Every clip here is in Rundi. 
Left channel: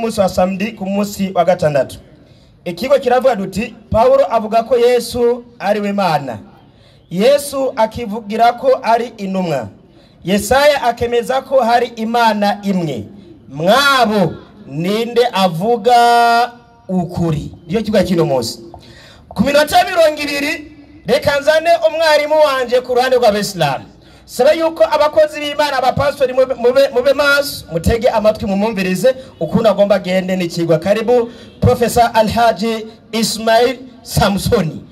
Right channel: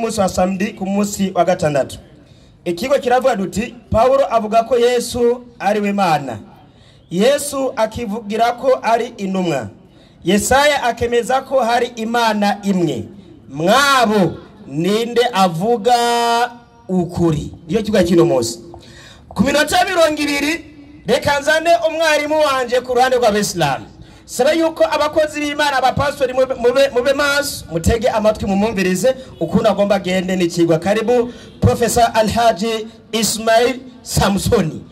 Musi wa samedi ku musi wa gatandatu. Ikigo kiravuga duti Paulo avuga ko Yesu ari we Imana. Yesu akivugira ko ari intumwa. Yesaya akemeza ko hari Imana imwe. Mwabo ninde avuga ukuri. Ndiyo kigo kino musi. Ku minota 20 reka nzane umwarimu wanje ku ruhande rw'Abisilamu. Saba yuko abakozi b'Imana abapastori mube maso mutege amatwi mumumvirize ukunda agomba gende n'ikigwa. Karibu Professor Alhaji Ismail Samsoni.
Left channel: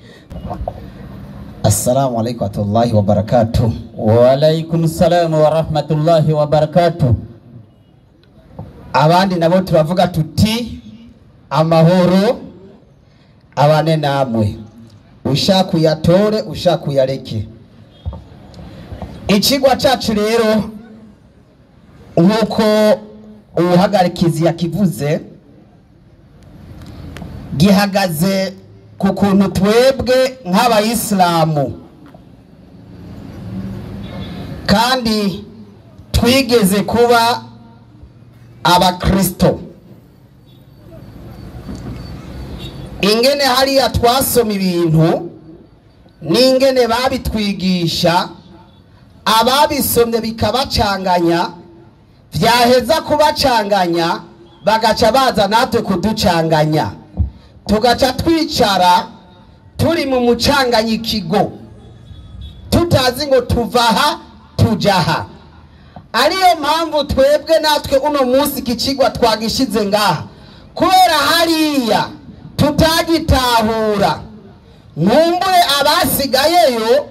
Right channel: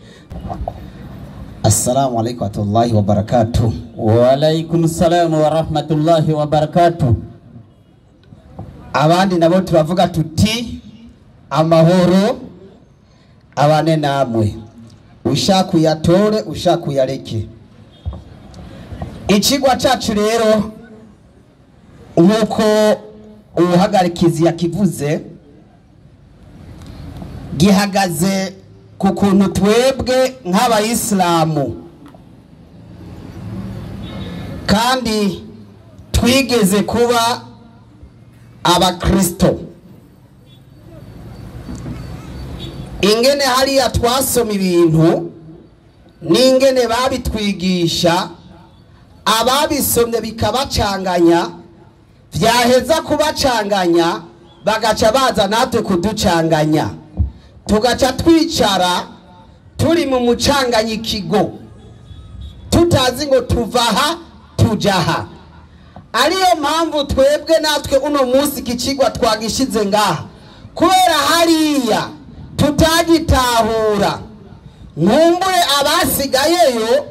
Assalamu alaikum warahmatullahi wabarakatuh. Wa alaikum salam wa rahmatullahi wa barakatuh. Abandi nabo turavuga tuti amahoro abane namwe. Ushaka uyatore ushaka uyareke. Ikigwa cyacu rero nkuko ubuhagarikizi yakivuze gihagaze ku kuntu twebwe nk'abayisilamu kandi twigeze kuba abakristo. Ingene hariya twasoma ibintu n'ingene babitwigisha ababisomye bikabacanganya, vyaheza kubacanganya bagaca baza natwe kuducanganya, tugaca twicara turi mu mucanganyikigo tutazi ngo tuvaha tujaha. Ariyo mpamvu twebwe natwe uno munsi ikicigwa twagishize ngaha kubera hariya tutagitahura. Nkumbure abasigayeyo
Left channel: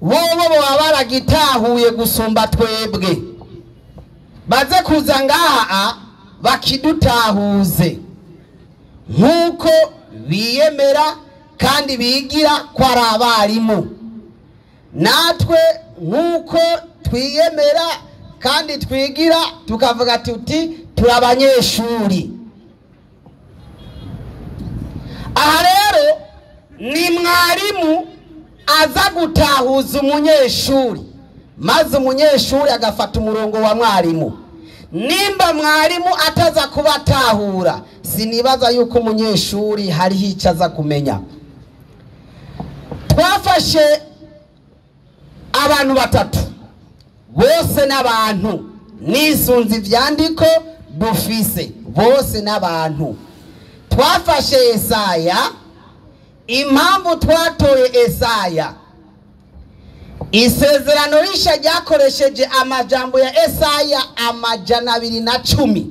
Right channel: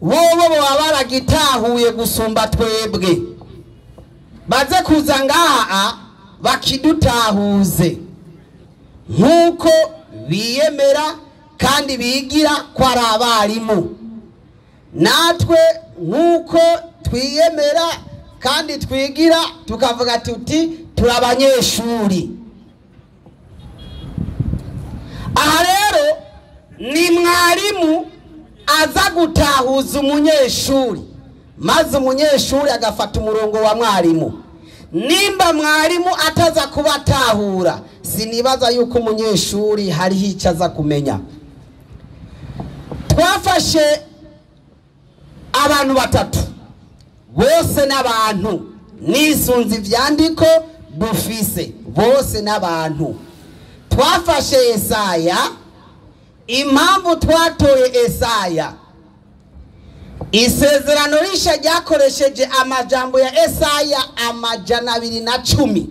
bobo baba baragitahuye gusumba twebwe, baze kuza ngaha bakidutahuze nkuko biyemera kandi bigira ko ari abarimu. Natwe nkuko twiyemera kandi twigira tukavuga tuti turabanyeshuri. Aha rero ni mwarimu aza gutahuza umunyeshuri, maze umunyeshuri agafata umurongo wa mwarimu. Nimba mwarimu ataza kubatahura, sinibaza yuko umunyeshuri hariho icyo aza kumenya. Twafashe abantu batatu bose n'abantu, nisunze ivyandiko dufise bose n'abantu. Twafashe Yesaya. Impamvu twatoye Yesaya, isezerano risha ryakoresheje amajambo ya Yesaya 210.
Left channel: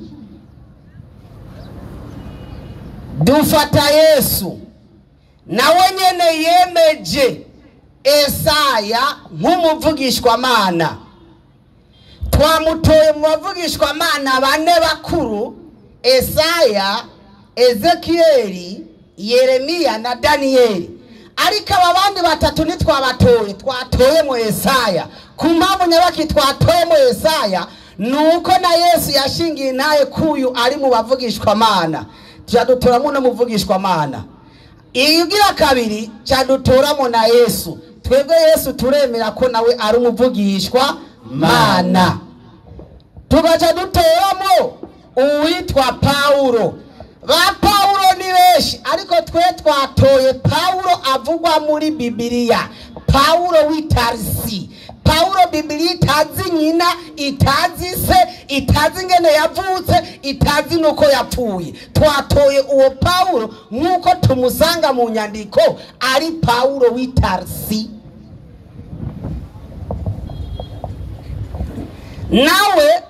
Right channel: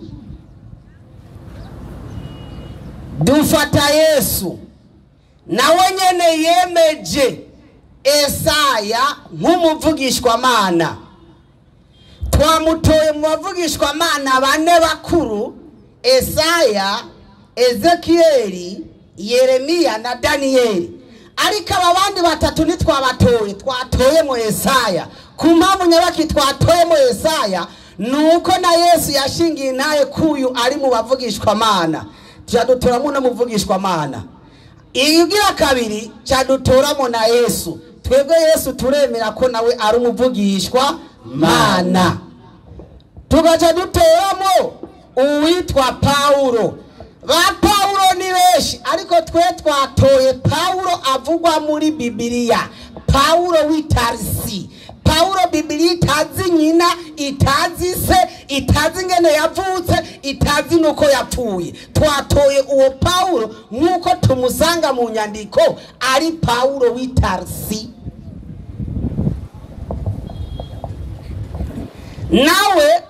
Dufata Yesu nawe nyene yemeje Yesaya nk'umuvugishwa Mana. Twamutoye mu bavugishwa Mana bane bakuru: Yesaya, Ezekieli, Yeremiya na Danieli. Ariko abandi batatu nitwabatoye, twatoye mu Yesaya. Kumpamvu nyabaki twatoye mu Yesaya nuko na Yesu yashingiye naye kuyu ari mu bavugishwa Mana. Cyadutoramo no muvugishwa Mana. Igira kabiri cyadutoramo na Yesu. Twebwe Yesu turemera ko nawe ari umuvugishwa Mana. Tugaca dutoramo uwitwa Paulo. Ba Paulo ni benshi, ariko twe twatoye Paulo avugwa muri Bibiliya, Paulo w'itarisi. Paulo Bibiliya itazi nyina, itazi se, itazi ngene yavutse, itazi nuko yapfuye. Twatoye uwo Paulo nkuko tumusanga mu nyandiko ari Paulo w'itarisi. Nawe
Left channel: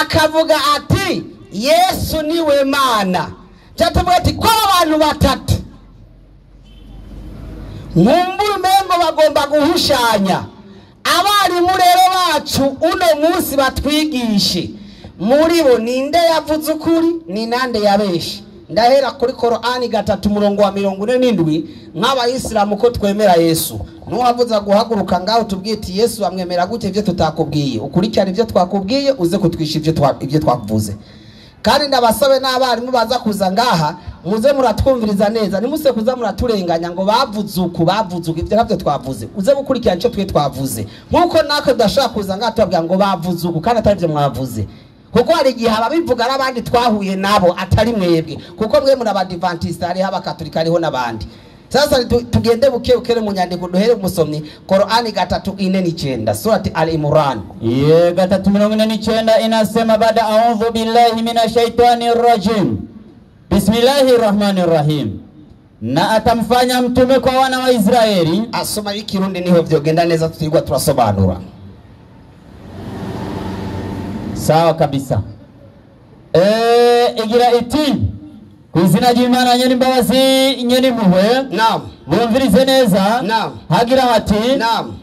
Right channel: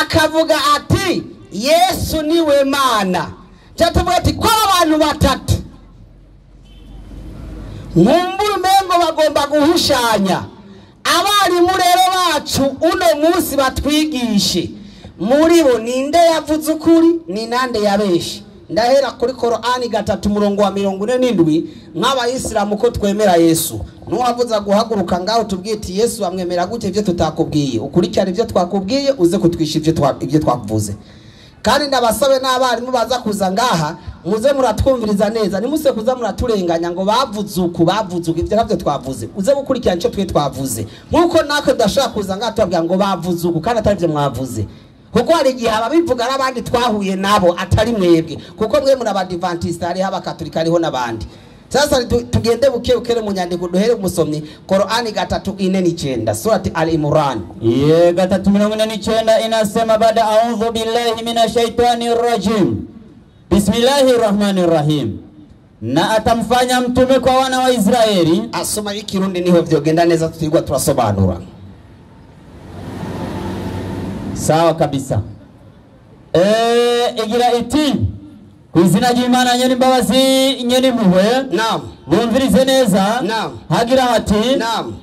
akavuga ati Yesu niwe Mana. Cyatuvuga ati ko abantu batatu nkumbura umengo bagomba guhushanya. Abarimu rero bacu uno munsi batwigishe muri bo ninde yavuze ukuri ni nande yabeshe. Ndahera kuri Korani 3:47 nk'abayisilamu ko twemera Yesu. Nuwavuza guhaguruka ngaho tubwite Yesu amwemera gute ivyo tutakubwiye, ukurikirana ivyo twakubwiye uze kutwisha ivyo twakuvuze. Kandi ndabasabe n'abarimu baza kuza ngaha muze muratwumviriza neza, nimuse kuza muraturenganya ngo bavuze ivyo navyo twavuze. Uze gukurikirana ico twe twavuze nkuko nako dashaka kuza ngaha tubabwira ngo bavuze uku kandi atari byo mwavuze. kuko hari igihe ababivuga n'abandi twahuye nabo atari mwebwe, kuko mwe muri abadivantiste hariho abakatolika hariho n'abandi. Sasa tugende buke ukere mu nyandiko duhere umusomyi Qur'ani 3:49 surati Al-Imran. 3:49 inasema baada a'udhu billahi minash shaitanir rajim. Bismillahirrahmanirrahim. Na atamfanya mtume kwa wana wa Israeli. Asoma ikirundi niho vyogenda neza tutigwa turasobanura. Sawa kabisa. Igira iti kwizina ry'Imana nyene imbabazi nyene muhwe. Naam. Bumvirize neza. Naam. Hagira hati. Naam.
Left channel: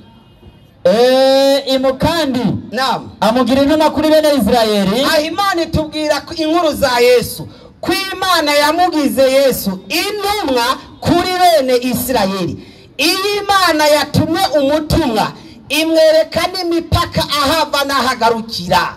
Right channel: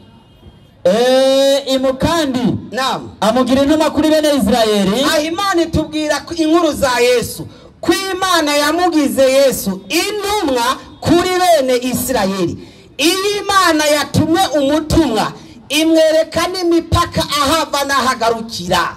Imukandi. Naam. Amugira intumwa kuri bene Israeli. Imana itubwira inkuru za Yesu. Ku Imana yamugize Yesu intumwa kuri bene Israeli. Iyi Imana yatumwe umutumwa imwereka n'imipaka ahava n'ahagarukira.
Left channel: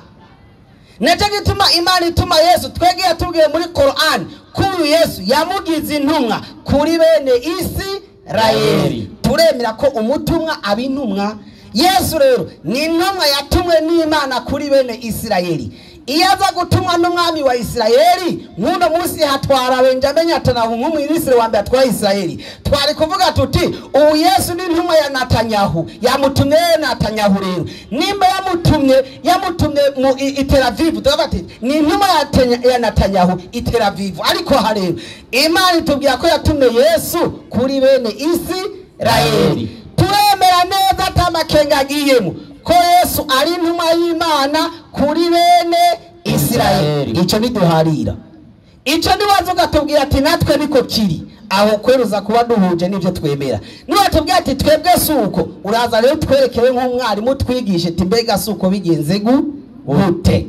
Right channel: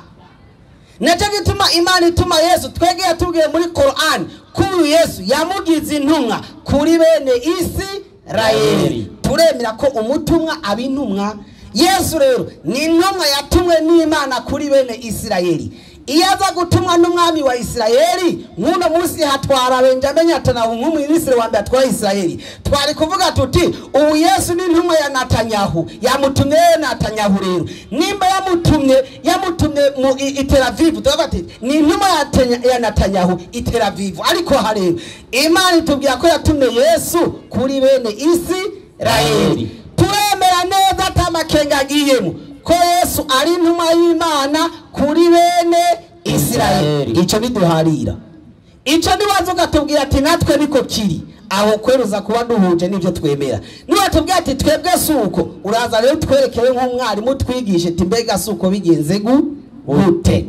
Neco gituma Imana ituma Yesu twege yatubwiye muri Qur'an kuri Yesu yamugize intumwa kuri bene Israeli. Turemera ko umutumwa abintumwa. Yesu rero ni intumwa yatumwe n'Imana kuri bene Israeli. Iyaza gutumwa n'umwami wa Israeli nk'uno munsi hatwara Benjamin Netanyahu nk'umwinisiri wa mbere atwara Israeli. Twari kuvuga tuti ubu Yesu ni intumwa ya Netanyahu, yamutumye Netanyahu rero nimba yamutumye mu Tel Aviv, tubati ni intumwa ya Netanyahu i Tel Aviv. Ariko harero Imana itubwira ko yatumye Yesu kuri bene Israeli. Turemera neza atamakenga agiyemo ko Yesu ari intumwa y'Imana kuri bene Israeli. Ico niduharira, ico niwazo gatubwira ati natwe niko kiri aho kweruza kuba duhuje n'ivyo twemera. Niba tubwira ati twebwe suko, uraza rero twerekere nk'umwarimu twigishe ati mbega suko bigenze gute.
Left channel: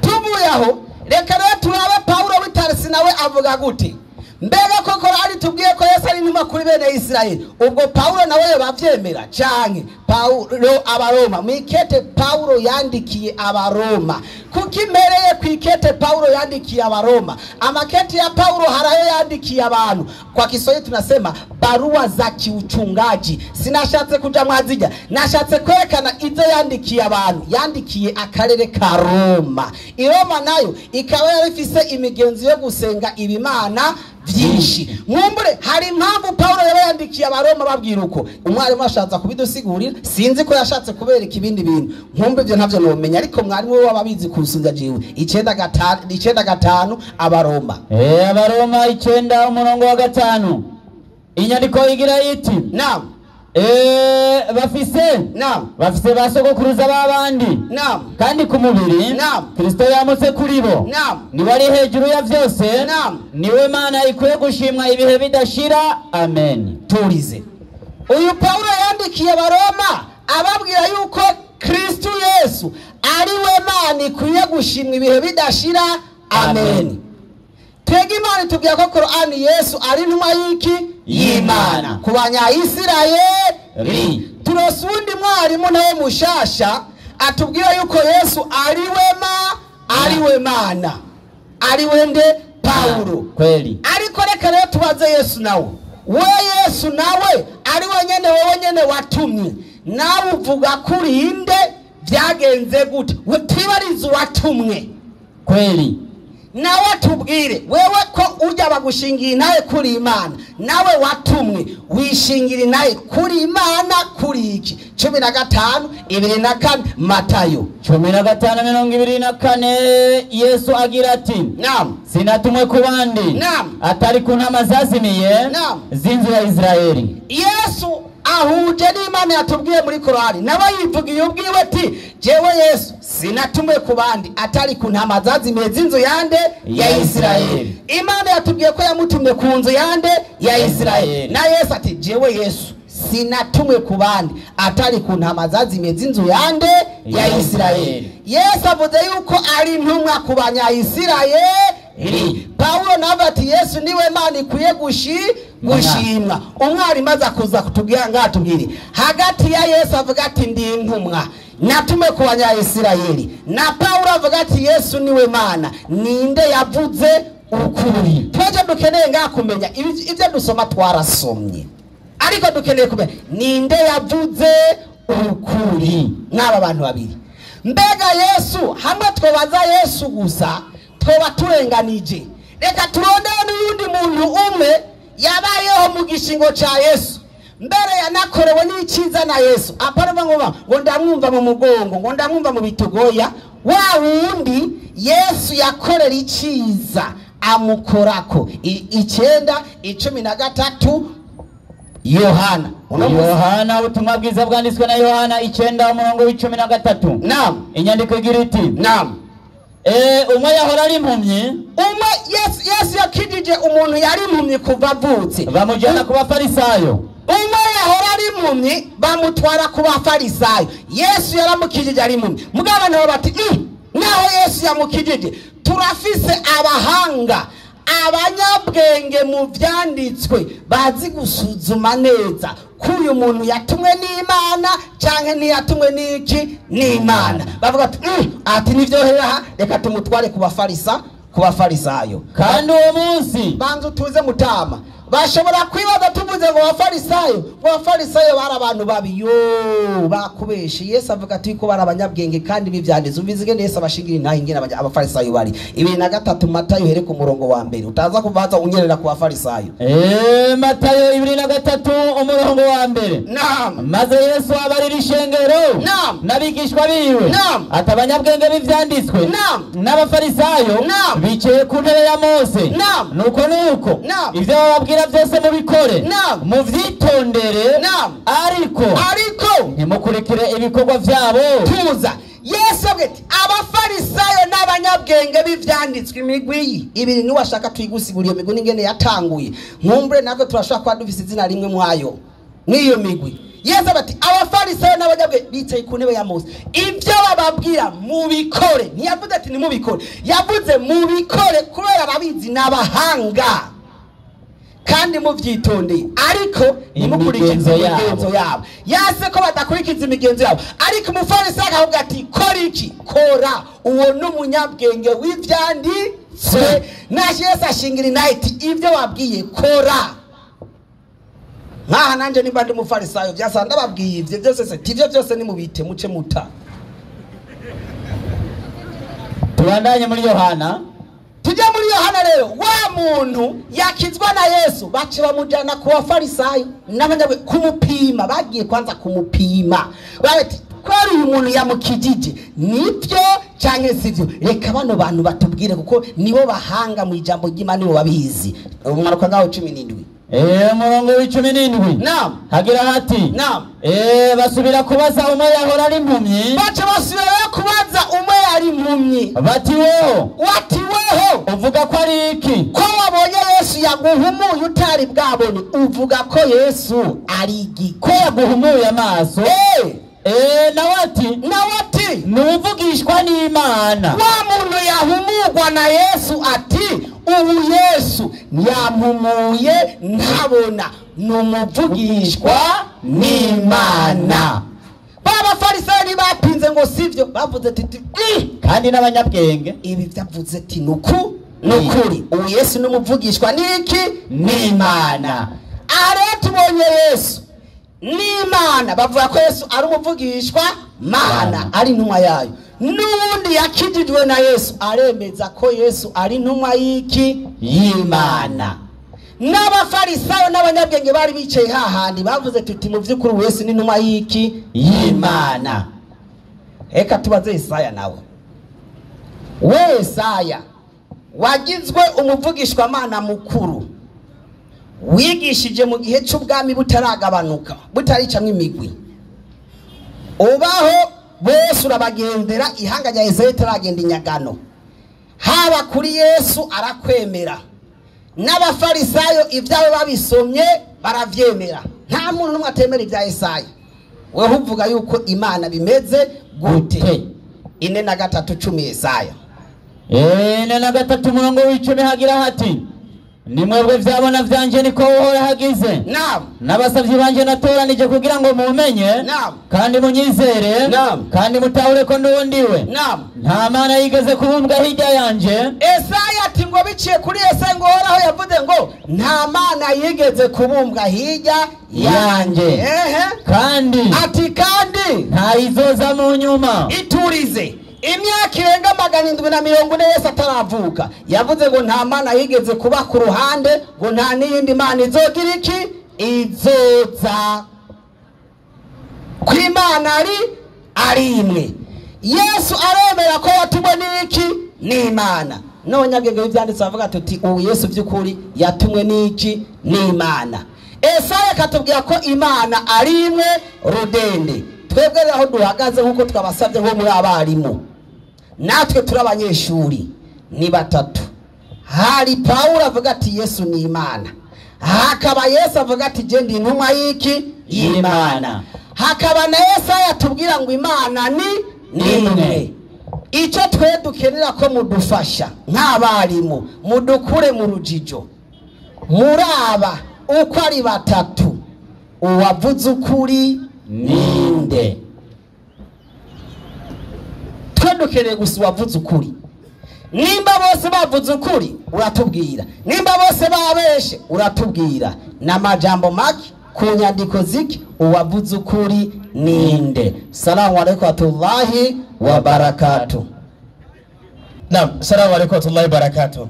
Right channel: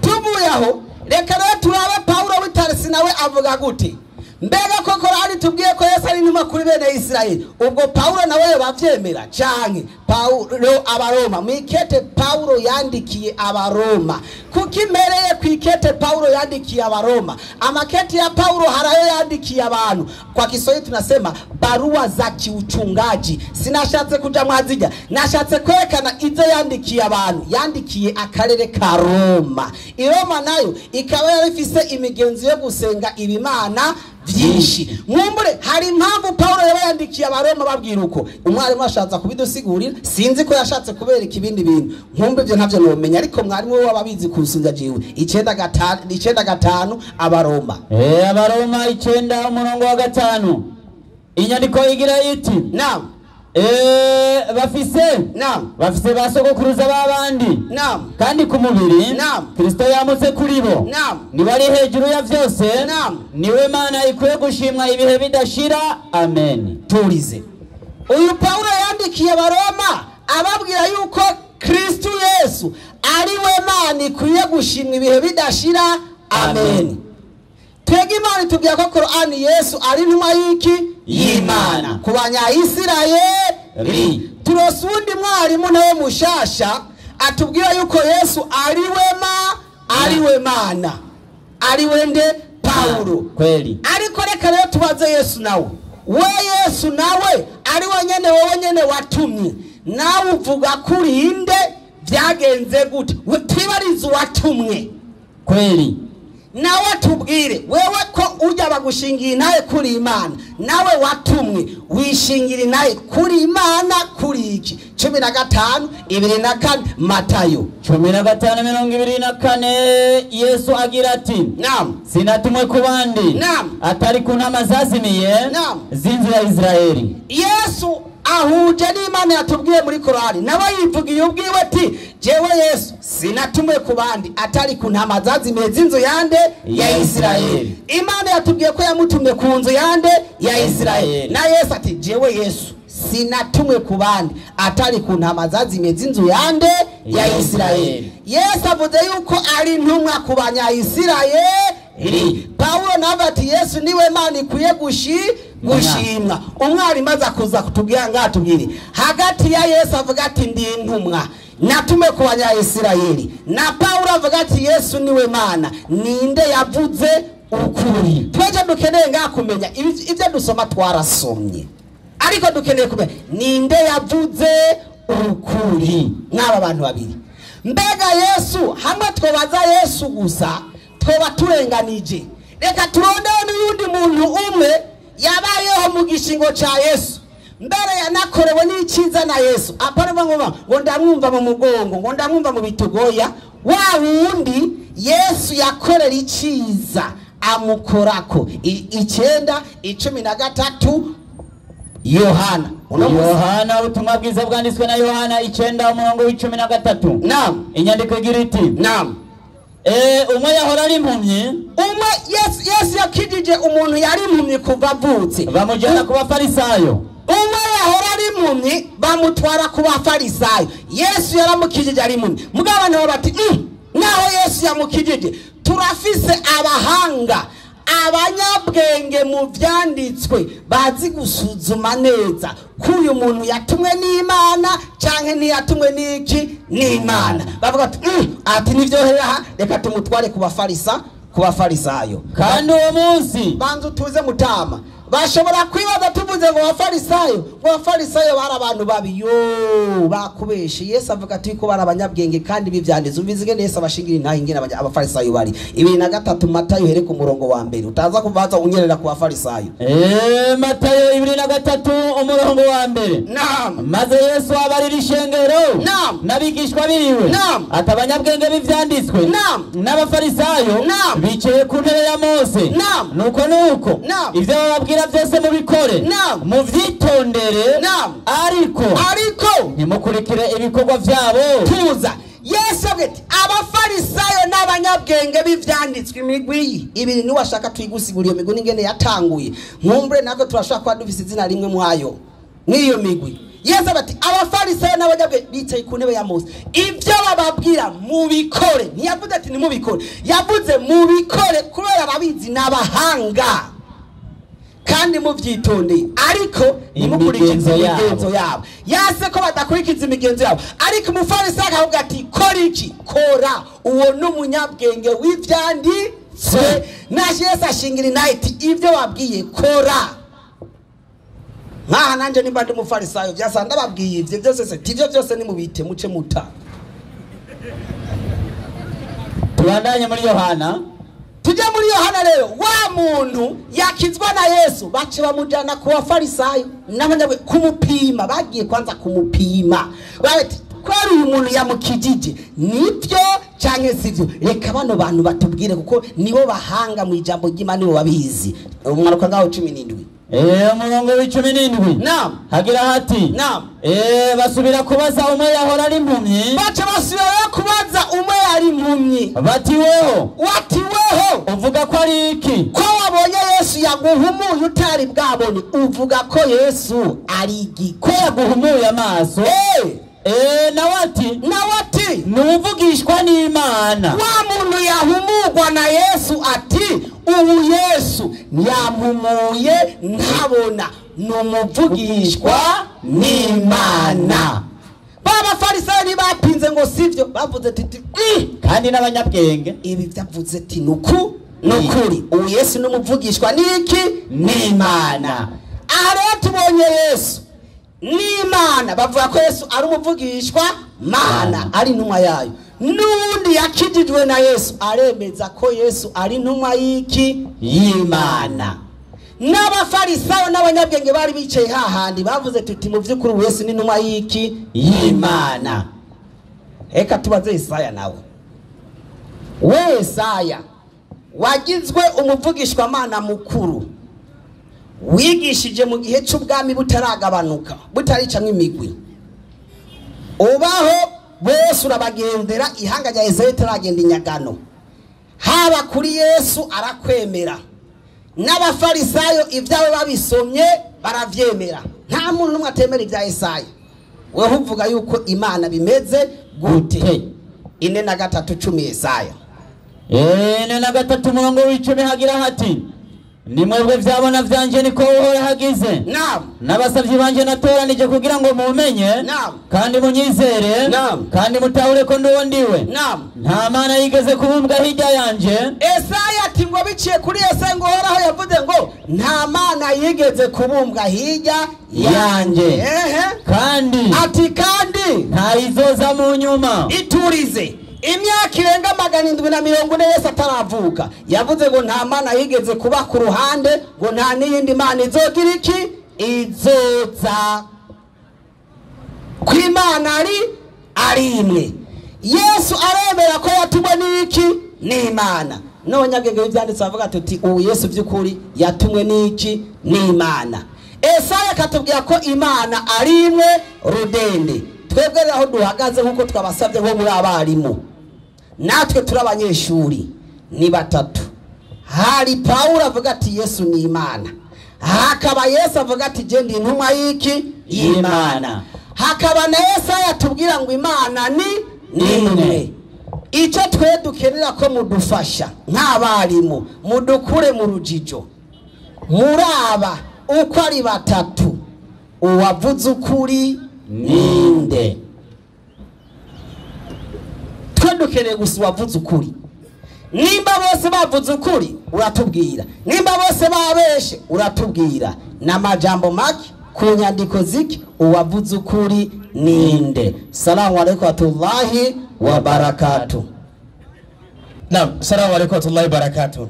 Tuvuye aho reka rero turabe Paulo w'itarisi nawe avuga gute. Mbega koko ari tubwiye ko Yesu ari intumwa kuri bene Israeli. Ubwo Paulo nawe bavyemera canke Paulo abaroma mwikete Paulo yandikiye abaroma kukimereye kwikete Paulo yandikiye abaroma. Amakete ya Paulo harayo yandikiye abantu. Kwa Kiswahili tunasema barua za kiuchungaji. Sinashatse kuja mwaziga, nashatse kwerekana izo yandikiye abantu. Yandikiye akarere ka Roma. Iroma nayo ikaba yarifise imigenzo yo gusenga ibimana vyinshi. Mwumbure hari impamvu Paulo yayandikiye abaroma babwira uko. Umwarimu ashatse kubidusigurira, sinzi ko yashatse kubereka ibindi bintu. Nkumbe ivyo ntavyo nomenya, ariko mwarimu we wababizi kusunza jewe. 9:5 abaroma. Abaroma 9:5. Inyandiko igira iti. Naam. Bafise. Naam. Bafise basogokuruza babandi. Naam. Kandi ku mubiri. Naam. Kristo yamutse kuri bo. Naam. Ni bari hejuru ya vyose. Naam. Niwe Mana ikwiye gushimwa ibihe bidashira. Amen. Turize. Uyu Paulo yandikiye abaroma ababwira yuko Kristo Yesu ari we Mana ikwiye gushimwa ibihe bidashira. Amen. Twege Imana tubwira ko Qur'ani Yesu ari intumwa y'iki y'Imana ku banya Isirayeli. Turosundi mwarimu nawe mushasha atubwira yuko Yesu ari we Mana, ari wende Paulo. Kweli. Ariko reka rero tubaze Yesu nawe. Yesu nawe ari wowe nyene watumye. Nawe uvuga kuri inde byagenze gute? Twibarize watumwe. Kweli. Nawe tubwire wewe ko urya bagushingiye nawe kuri Imana, nawe watumwe wishingira nawe kuri Imana kuri iki. 15:24 Matayo 15:24 Yesu agira ati. Naam. Sinatumwe ku bandi. Naam. Atari ku ntama zazimiye. Naam. Zinzu ya Israeli. Yesu ahuje n'Imana yatubwiye muri Qur'ani, nawe yivugiye ubwiwe ati jewe Yesu sinatumwe ku bandi atari ku ntama zazimiye zinzu yande ya Israeli. Imana yatubwiye ko yamutumye ku nzu yande ya Israeli. Na Yesu ati jewe Yesu sinatumwe ku bandi atari ku ntama zazimiye zinzu yande ya Israeli. Yesu avuze yuko ari intumwa ku banya Israeli. Paulo nawe ati Yesu niwe Mana ikwiye gushimwa. Umwarimu aza kuza kutubwira ngatubwire hagati ya Yesu avuga ati ndi intumwa natume ku banya Israeli, na Paulo avuga ati Yesu niwe Mana, ninde yavuze ukuri? Twaje dukeneye ngakumenya ivyo dusoma twarasomye, ariko dukeneye kumenya ninde yavuze ukuri. N'aba bantu babiri mbega Yesu hamwe twobaza Yesu gusa twoba turenganije. Reka turondere n'undi muntu umwe yabayeho mu gishingo ca Yesu mbere yanakorewe n'iciza na Yesu, apana ngo ndamwumva mu mugongo, ngo ndamwumva mu bitugoya. Wa wundi Yesu yakorera iciza amukorako. 9:13 Yohana. Yohana, ubutumwa bwiza bwanditswe na Yohana 9:13. Naam. Inyandiko igira iti, naam, umwe yahora ari impumyi. Umwe Yesu yakijije umuntu yari impumyi kuva avutse, bamujyana ku bafarisayo. Umwe yahora ari impumyi bamutwara ku bafarisayo. Yesu yaramukijije ari impumyi. Mugabo nabo bati naho Yesu yamukijije turafise abahanga, abanyabwenge mu vyanditswe bazi gusuzuma neza ko uyu muntu yatumwe n'Imana canke ntiyatumwe n'iki n'Imana. Bavuga ati nivyohera, reka tumutware ku bafarisayo. Kandi uwo munsi banzu tuze mutama bashobora kwibaza tuvuze ngo abafarisayo bari abantu babi. Yo bakubeshe. Yesu avuga ati ko bari abanyabwenge kandi bivyanditse. Umvizige Yesu abashingira intahe ingene abafarisayo bari. 2:3 Matayo here ku murongo wa mbere. Utaza kuvaza unyerera ku bafarisayo. Matayo 2:3 umurongo wa mbere. Naam. Maze Yesu abarira ishengero. Naam. Nabigishwa biwe. Naam. Ati abanyabwenge bivyanditswe. Naam. N'abafarisayo bicaye ku ntebe ya Mose. Naam. Nuko ivyo bababwira byose mubikore. Naam. Muvyitondere. Naam. Ariko ntimukurikire ibikorwa vyabo. Tuza. Yesu abwete abafarisayo n'abanyabwenge bivyanditswe imigwi ibiri ni washaka twigusiguriye imigwi n'ingene yatanguye. Nkumbre nabwo turashaka kwa dufise izina rimwe mwayo niyo migwi. Yesu abati abafarisayo n'abanyabwenge bicaye ku ntebe ya Mose. Ivyo bababwira mubikore. Ntiyavuze ati nimubikore, yavuze mubikore kubera babizi n'abahanga kandi muvyitondeye, ariko nimukurikize imigenzo yabo. Yase ko badakurikiza imigenzo yabo, ariko umufarisayo akavuga ati kora iki? Kora. Uwo n'umunyabwenge w'ivyanditswe. Naje Yesu ashingira inaye ati ivyo wabwiye kora. Nkaha nanje nimba ndi umufarisayo vyasa ndababwiye ivyo byose se tivyo byose nimubite muce muta. Tubandanye muri Yohana. Tujya muri Yohana rero, wa muntu yakizwa na Yesu bace bamujana ku bafarisayo n'abanyabwe kumupima. Bagiye kwanza kumupima, bati kwari uyu muntu yamukijije nibyo canke sivyo? Reka bano bantu batubwire kuko nibo bahanga mu ijambo ry'Imana, nibo babizi. Umwaka ngaho 17. Umurongo w'17. Naam. Hagira hati. Naam. Basubira kubaza umwe yahora ari impumyi. Bace basubira kubaza umwe yari impumyi. Bati weho uvuga ko ari iki? Ko wabonye Yesu yaguhumuye utari bwabone, uvuga ko Yesu ari iki? Ko yaguhumuye amaso. Nawati nuvugishwa n'Imana. Wa muntu yahumurwa na Yesu ati ubu Yesu yampumuye ntabona, numuvugishwa n'Imana. Baba farisayo ntibapinze ngo sivyo, bavuze ati kandi n'abanyabwenge ibi byavuze ati nukuri ubu Yesu numuvugishwa n'iki? N'Imana. Are tubonye Yesu n'Imana, bavuga ko Yesu ari umuvugishwa Mana, ari intumwa yayo. N'undi yakijijwe na Yesu aremeza ko Yesu ari intumwa y'iki? Y'Imana. N'abafarisayo n'abanyabwenge bari bicaye hahandi bavuze tuti mu vy'ukuri Yesu ni intumwa y'iki? Y'Imana. Eka tubaze Yesaya nawe. Yesaya wagizwe umuvugishwa Mana mukuru, wigishije mu gihe cy'ubwami butaragabanuka, butarica nk'imigwi. Ubaho bose urabagendera, ihanga rya Yesaya taragenda inyagano. Haba kuri Yesu arakwemera. N'abafarisayo ivyabo babisomye baravyemera. Nta muntu numwe atemera ibya Yesaya. Wewe uvuga yuko Imana bimeze gute? 4:3 Yesaya. 4:3 umurongo w'10 hagira hati nimwebwe vyabona vyanje niko uhora hagize. Naam. N'abasavyi banje natoranije kugira ngo mumenye. Naam. Kandi munyizere. Naam. Kandi mutahure ko ndondiwe. Naam. Nta mana yigeze kubumbwa hirya yanje. Yesaya ati ngo biciye kuri Yesaya ngo horaho yavuze ngo nta mana yigeze kubumbwa hirya yanjye kandi ati kandi ntayizoza mu nyuma. iturize imyaka irenga 740 Yesu ataravuka yavuze ngo nta mana yigeze kuba ku ruhande ngo nta n'iyindi mana izogira iki izoza ku Imana ari imwe. Yesu aremera ko yatumwe n'iki n'Imana. None agege ibyanditse avuga tuti ubu Yesu by'ukuri yatumwe n'iki n'Imana. Yesaya katubwira ko Imana ari imwe rudende. Twebwe aho duhagaze nkuko twabasabye nko muri abarimu natwe turi abanyeshuri ni batatu. Hari Paulo avuga ati Yesu ni Imana, hakaba Yesu avuga ati je ndi intumwa y'iki y'Imana, hakaba na Yesaya atubwira ngo Imana ni imwe. Icyo twe dukenera ko mudufasha nk'abarimu mudukure mu rujijo muraba uko ari batatu uwavuze ukuri ninde. Twe dukeneye gusa uwavuze ukuri. Nimba bose bavuze ukuri uratubwira, nimba bose babeshe uratubwira, n'amajambo make ku nyandiko ziki uwavuze ukuri ninde. Salamu alaykum warahmatullahi wabarakatuh. Naam, salamu alaykum warahmatullahi wabarakatuh.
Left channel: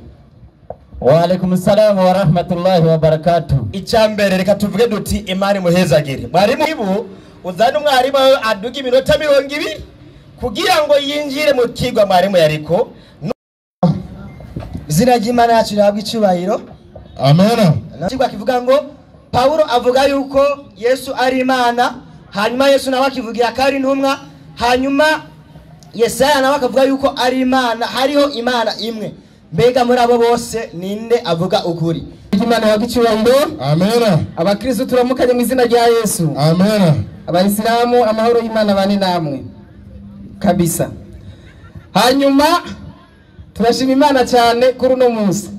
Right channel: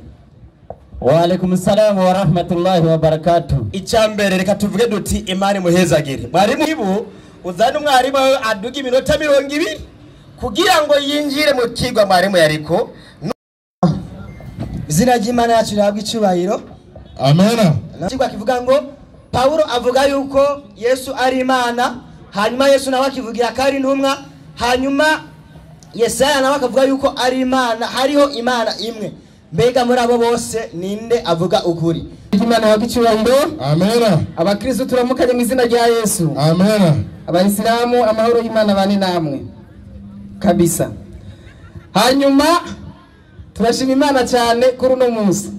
Wa alaykum salam wa rahmatullahi wa barakatuh. Icyambere reka tuvuge duti Imana muhezagire. Mwarimu ibu uzana umwarimu aduga iminota 20 kugira ngo yinjire mu kigwa mwarimu yariko. Zina ry'Imana yacu rihabwa icyubahiro. Amen. Kigwa kivuga ngo Paulo avuga yuko Yesu ari Imana, hanyuma Yesu nawe akivugira ko ari intumwa, hanyuma Yesaya nawe akavuga yuko ari Imana, hariho Imana imwe. Mbega muri abo bose ninde avuga ukuri? Imana yagicyubahiro. Amen. Abakristo turamukanye mu izina rya Yesu. Amen. Abayisilamu amahoro y'Imana bane namwe kabisa. Hanyuma turashima Imana cyane kuri no munsi.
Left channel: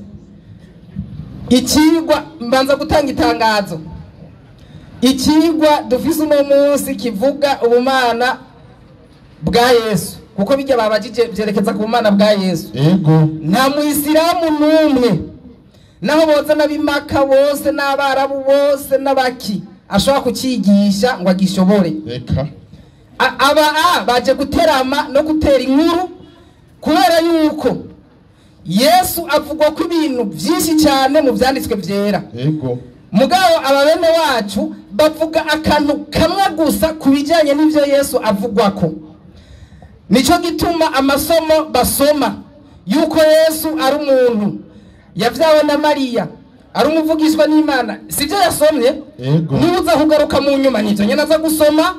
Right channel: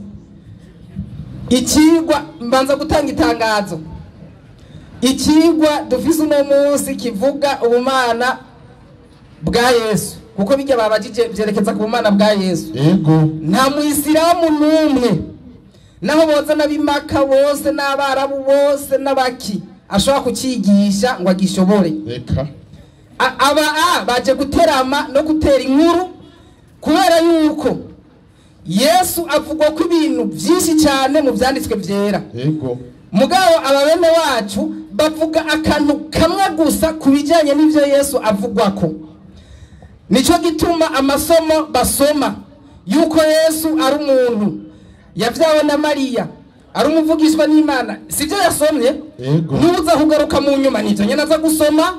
Ikigwa mbanza gutanga itangazo. Ikigwa dufise uno munsi kivuga ubumana bwa Yesu, kuko bijya babajije byerekeza ku bumana bwa Yesu. Yego. Nta muisilamu numwe naho boza nabimaka bose n'abarabu bose n'abaki ashobora kucigisha ngo agishobore. Reka. Baje guterama no gutera inkuru kubera yuko Yesu avuga ko ibintu byinshi cyane mu byanditswe byera. Yego. Mugabo ababene wacu bavuga akantu kamwe gusa kubijanye n'ivyo Yesu avugwa ko. Nico gituma amasomo basoma yuko Yesu ari umuntu yavyawe na Mariya, ari umuvugishwa n'Imana, sivyo yasomye. Yego. Nuza kugaruka mu nyuma nivyo nyene aza gusoma,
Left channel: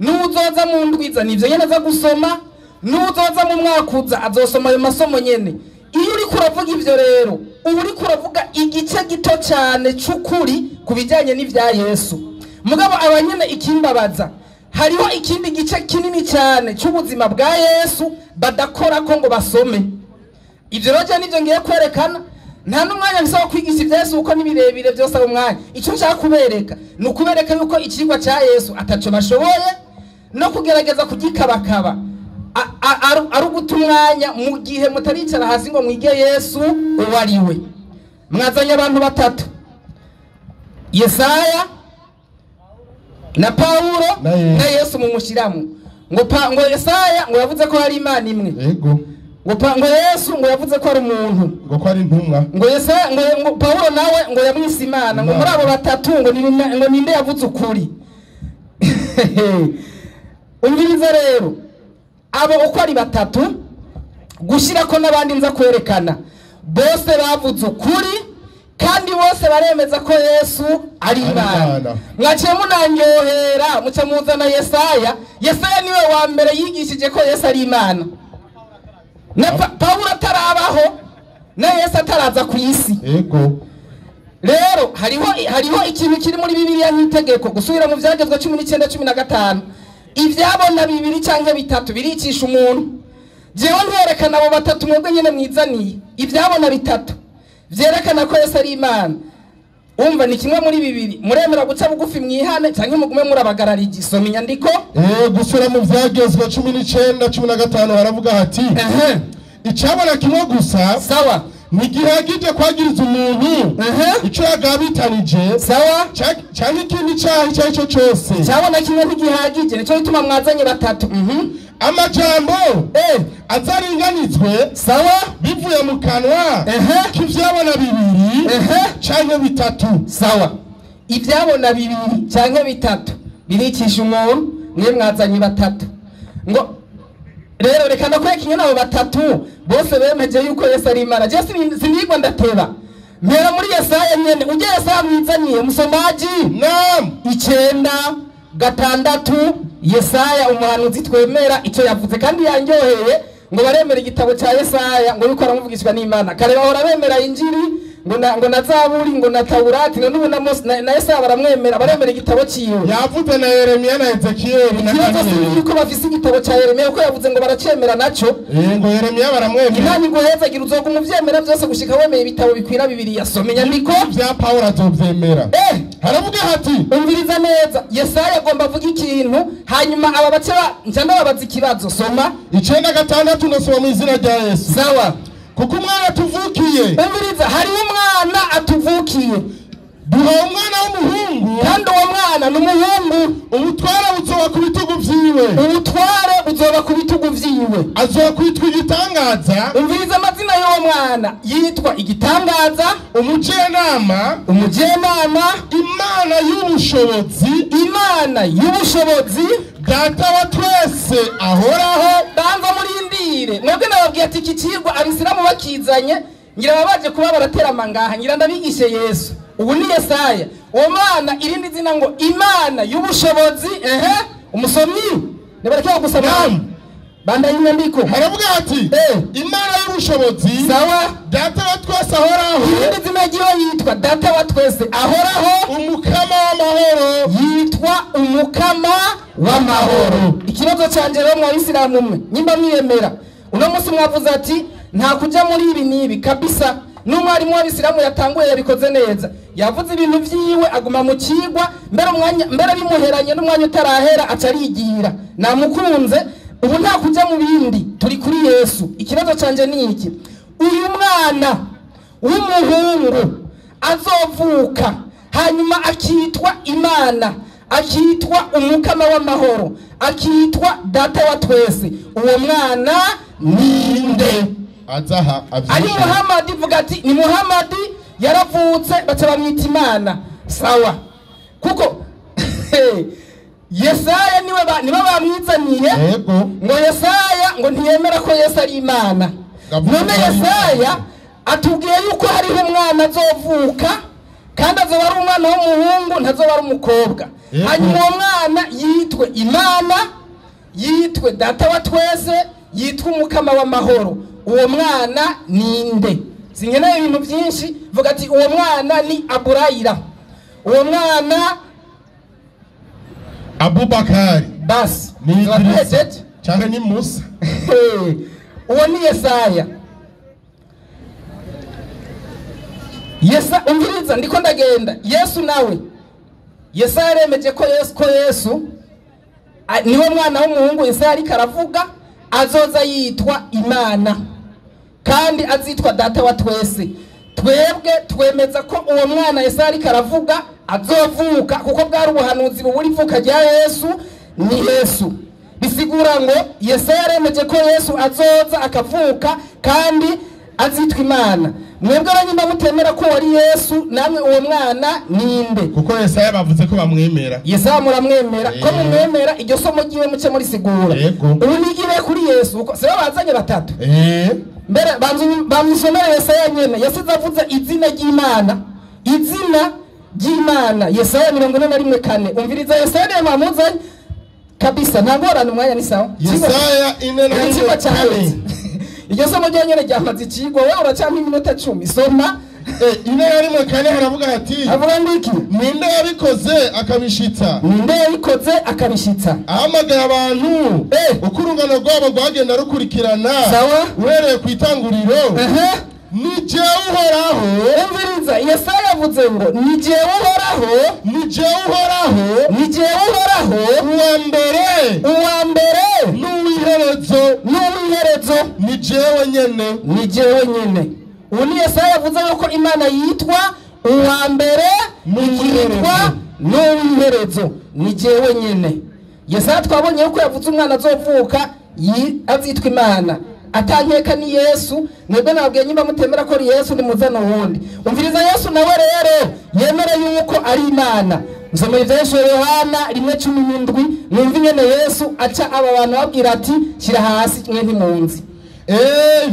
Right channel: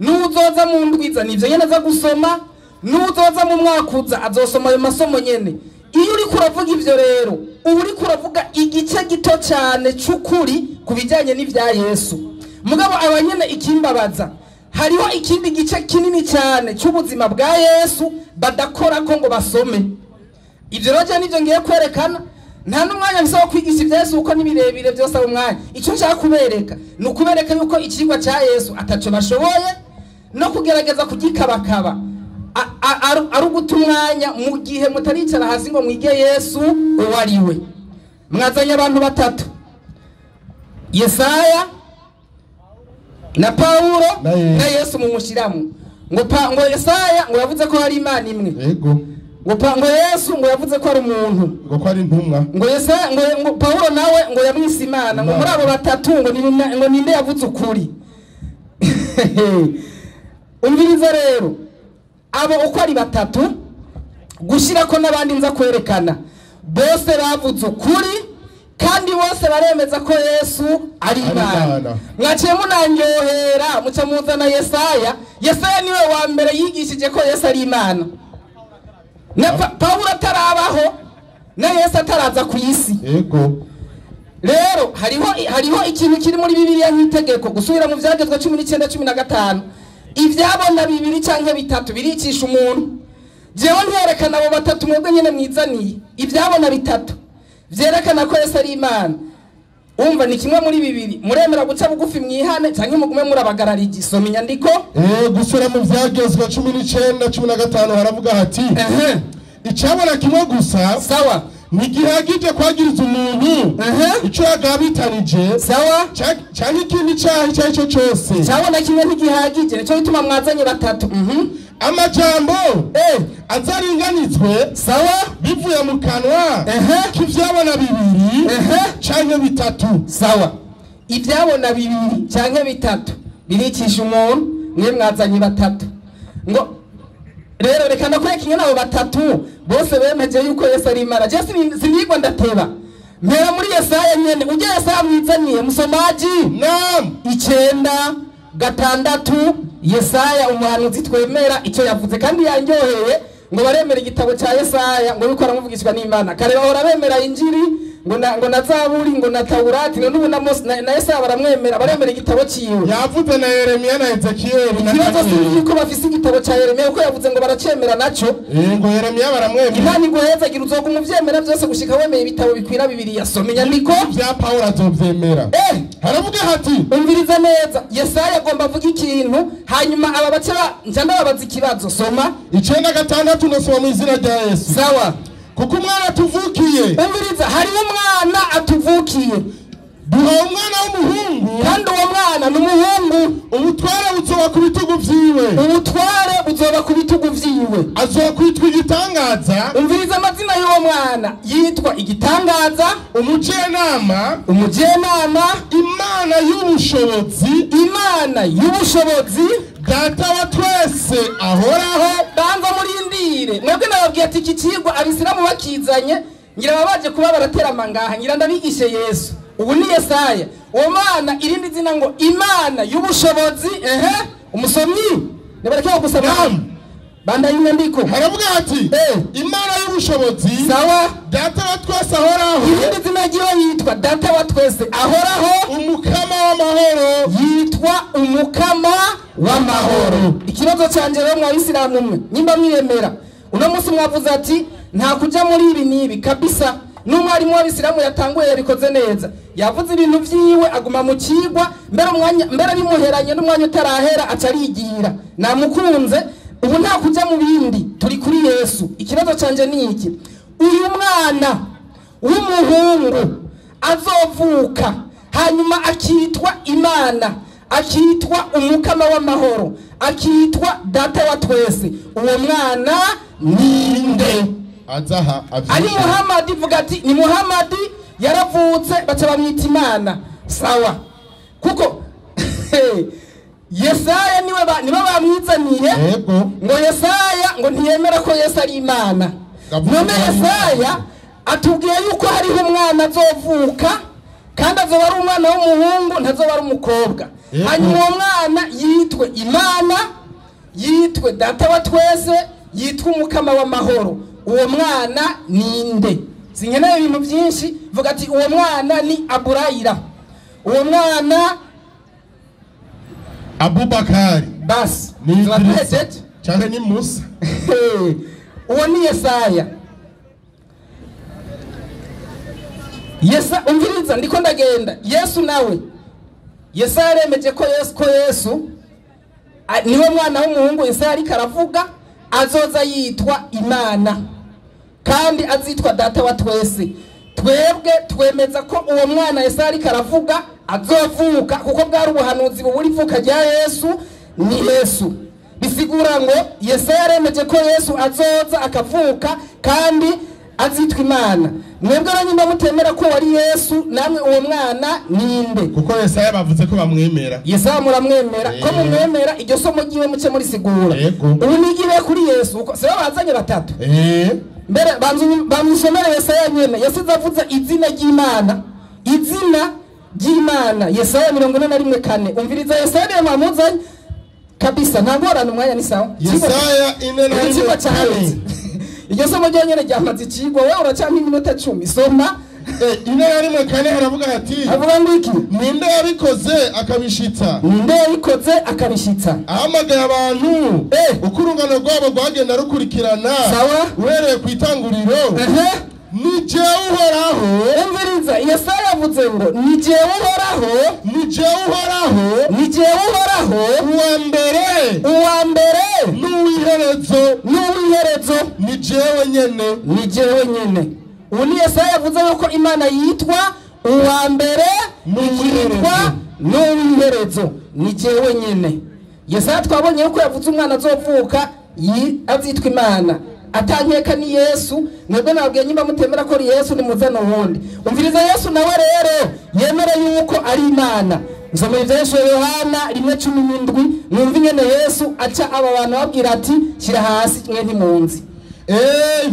nuzoza mu ndwiza nivyo nyene aza gusoma, nuzoza mu mwakuza azosoma ayo masomo nyene. Iyo uri kuravuga ivyo rero uri kuravuga igice gito cyane cy'ukuri kubijanye n'ivya Yesu. Mugabo abanyene ikimbabaza hariho ikindi gice kinini cyane cy'ubuzima bwa Yesu badakora ko ngo basome. Ivyo rero nivyo ngiye kwerekana. Nta n'umwanya bisaba kwigisha ivya Yesu uko nibirebire byose abo mwanya. Icyo nshaka kubereka ni ukubereka yuko ikigwa cya Yesu ataco bashoboye no kugerageza kugikabakaba. Aruguta umwanya mu gihe mutaricara hasi ngo mwige Yesu uwariwe. Mwazanye abantu batatu, Yesaya na Paulo na Yesu mumushiramu ngo Yesaya ngo yavuze ko hari Imana imwe. Yego. Ngo Yesu ngo yavuze ko ari umuntu, ngo ko ari intumwa. ngo Yesaya ngo Paulo nawe ngo yamwise Imana. Ngo muri abo batatu ngo ninde yavuze ukuri. Umviriza rero abo uko ari batatu gushira ko nabandi nza kwerekana bose bavuze ukuri kandi bose baremeza ko Yesu ari Imana. Mwaciye munanyohera muca muzana Yesaya. Yesaya niwe wa mbere yigishije ko Yesu ari Imana. Na Paulo atarabaho na Yesu ataraza ku isi. Yego. Rero hariho ikintu kiri muri Bibiliya nk'itegeko gusubira mu byagezwe 19:15 ivyabona bibiri canke bitatu biricisha umuntu. Jewe nterekana abo batatu mwebwe nyene mwizaniye ivyabona bitatu vyerekana ko Yesu ari Imana. Umva ni kimwe muri bibiri. Muremera guca bugufi mwihane canke mugume murabagararije. Soma inyandiko. Gusura mu byagezwe 19:15 haravuga hati icabona kimwe gusa sawa ntigihagije kwagiriza umuntu icyo yagabitanije sawa cyane ikindi cyaha icyo ari cyo cyose cyabona kimwe ntigihagije nicyo bituma mwazanye batatu amajambo azaringanizwe sawa bivuye mu kanwa k'ivyabona bibiri canke bitatu sawa ivyabona bibiri canke bitatu birikisha umuntu mwe mwazanye batatu ngo rero reka ndakwereka ingene abo batatu bose bemeje yuko Yesu ari Imana. Je sinigwa ndateba mpera muri Yesaya nyene uje Yesaya mwizaniye musomaji 9:6 Yesaya umuhanuzi twemera icyo yavuze kandi yanyoheye ngo baremera igitabo cya Yesaya ngo yuko aramuvugishwa n'Imana kare bahora bemera injiri ngo na Zaburi ngo na Taurati no n'ubu na Yesaya baramwemera baremera igitabo ciwe yavuze na Yeremiya na Ezekiyeli na Danieli yuko bafise igitabo cya Yeremiya uko yavuze ngo baracemera naco ngo Yeremiya baramwemera Imana ngo heza gira uzoga umuvyemera byose gushika wemeye ibitabo bikwira bibiri yasomenya niko bya Paulo azovyemera haravuga hati umviriza neza Yesaya agomba avuga ikintu hanyuma aba bace njanda babaza ikibazo soma 9:6 nasoma mu izina rya Yesu sawa kuko umwana atuvukiye umviriza hari umwana atuvukiye duha umwana w'umuhungu kandi uwo mwana n'umuhungu ubutware buzoba ku bitugu vyiwe ubutware buzoba ku bitugu vyiwe azokwitwa igitangaza umviriza amazina y'uwo mwana yitwa igitangaza umujenama Imana y'ubushobozi data wa twese ahoraho banza murindire mwebwe nababwiye ati iki kigwa abisilamu bakizanye ngira babaje kuba baratera mangaha ngira ndabigishe Yesu ubu ni Yesaya uwo mwana irindi zina ngo Imana y'ubushobozi umusomyi nebarekera gusoma banda y'inyandiko haravuga ati Imana y'ubushobozi sawa data wa twese ahoraho irindi zina ryiwe yitwa data wa twese ahoraho umukama w'amahoro yitwa umukama w'amahoro ikibazo cyanje rero mwabisilamu mwe nyimba mwiyemera uno munsi mwavuze ati nta kuja muri ibi nibi kabisa n'umwarimu w'abisilamu yatanguye yabikoze neza yavuze ibintu vyiwe aguma mu kigwa mbere bimuheranye n'umwanya utarahera acarigira namukunze ubu nta kuja mu bindi turi kuri Yesu ikibazo canje ni iki uyu mwana w'umuhungu azovuka hanyuma akitwa Imana akitwa umukama w'amahoro akitwa data wa twese uwo mwana ninde azaha ari Muhammad vuga ati ni Muhammad yaravutse baca bamwita Imana sawa kuko Yesaya niwe bamwizaniye ngo Yesaya ngo ntiyemera ko Yesu ari Imana none Yesaya atubwiye yuko hariho umwana azovuka kandi azoba ari umwana w'umuhungu ntazoba ari umukobwa hanyuma uwo mwana yitwe Imana yitwe data wa twese yitwa umukama w'amahoro uwo mwana ninde sinkeneye ibintu byinshi vuga ati uwo mwana ni Aburayira uwo mwana Abubakari basi ni Idrisa cyangwa ni Musa uwo ni Yesaya umviriza ndiko ndagenda Yesu nawe Yesaya aremeje ko Yesu niwe mwana w'umuhungu Yesaya ariko aravuga azoza yitwa Imana kandi azitwa data wa twese twebwe twemeza ko uwo mwana Yesaya ariko aravuga azovuka kuko bwari ubuhanuzi buburi vuka rya Yesu ni Yesu bisigura ngo Yesaya aremeje ko Yesu azoza akavuka kandi azitwa Imana mwebwe abanyuma mutemera ko wari Yesu namwe uwo mwana ninde kuko Yesaya bavuze ko bamwemera Yesaya muramwemera ko mumwemera iryo somo giwe muce muri sigura ubu nigire kuri Yesu uko seba bazanye batatu mbere bamusomera Yesaya nyene yasize avuze izina ry'Imana Yesaya 41:4 umviriza Yesaya yamamuzanye kabisa ntagorana umwanya ni sawa Yesaya 4:4 iryo somo ryanyene ryamaze ikigo wewe uracampa iminota 10 soma 4:4 haravuga hati avuga ngo iki ninde yabikoze akabishitsa ahamagaye abantu uko urungano rwabo rwagenda rukurikirana sawa uhereye ku itanguriro ni jewe uhoraho umviriza Yesaya yavuze ngo ni jewe uhoraho uwa mbere n'uwiherezo ni jewe nyene ubu ni Yesaya yavuze yuko Imana yitwa uwa mbere ikitwa n'uw'iherezo ni jewe nyene. Yesaya twabonye yuko yavuze umwana azovuka azitwa Imana atankeka ni Yesu. Mwebwe nabwiye nyimba mutemera ko ari Yesu ni muzana wundi. Umviriza Yesu nawe rero yemere yuko ari Imana. Nzomeye Yesu Yohana 1:17 mwumva nyene Yesu aca aba bantu babwira ati shira hasi mwe ntimunzi.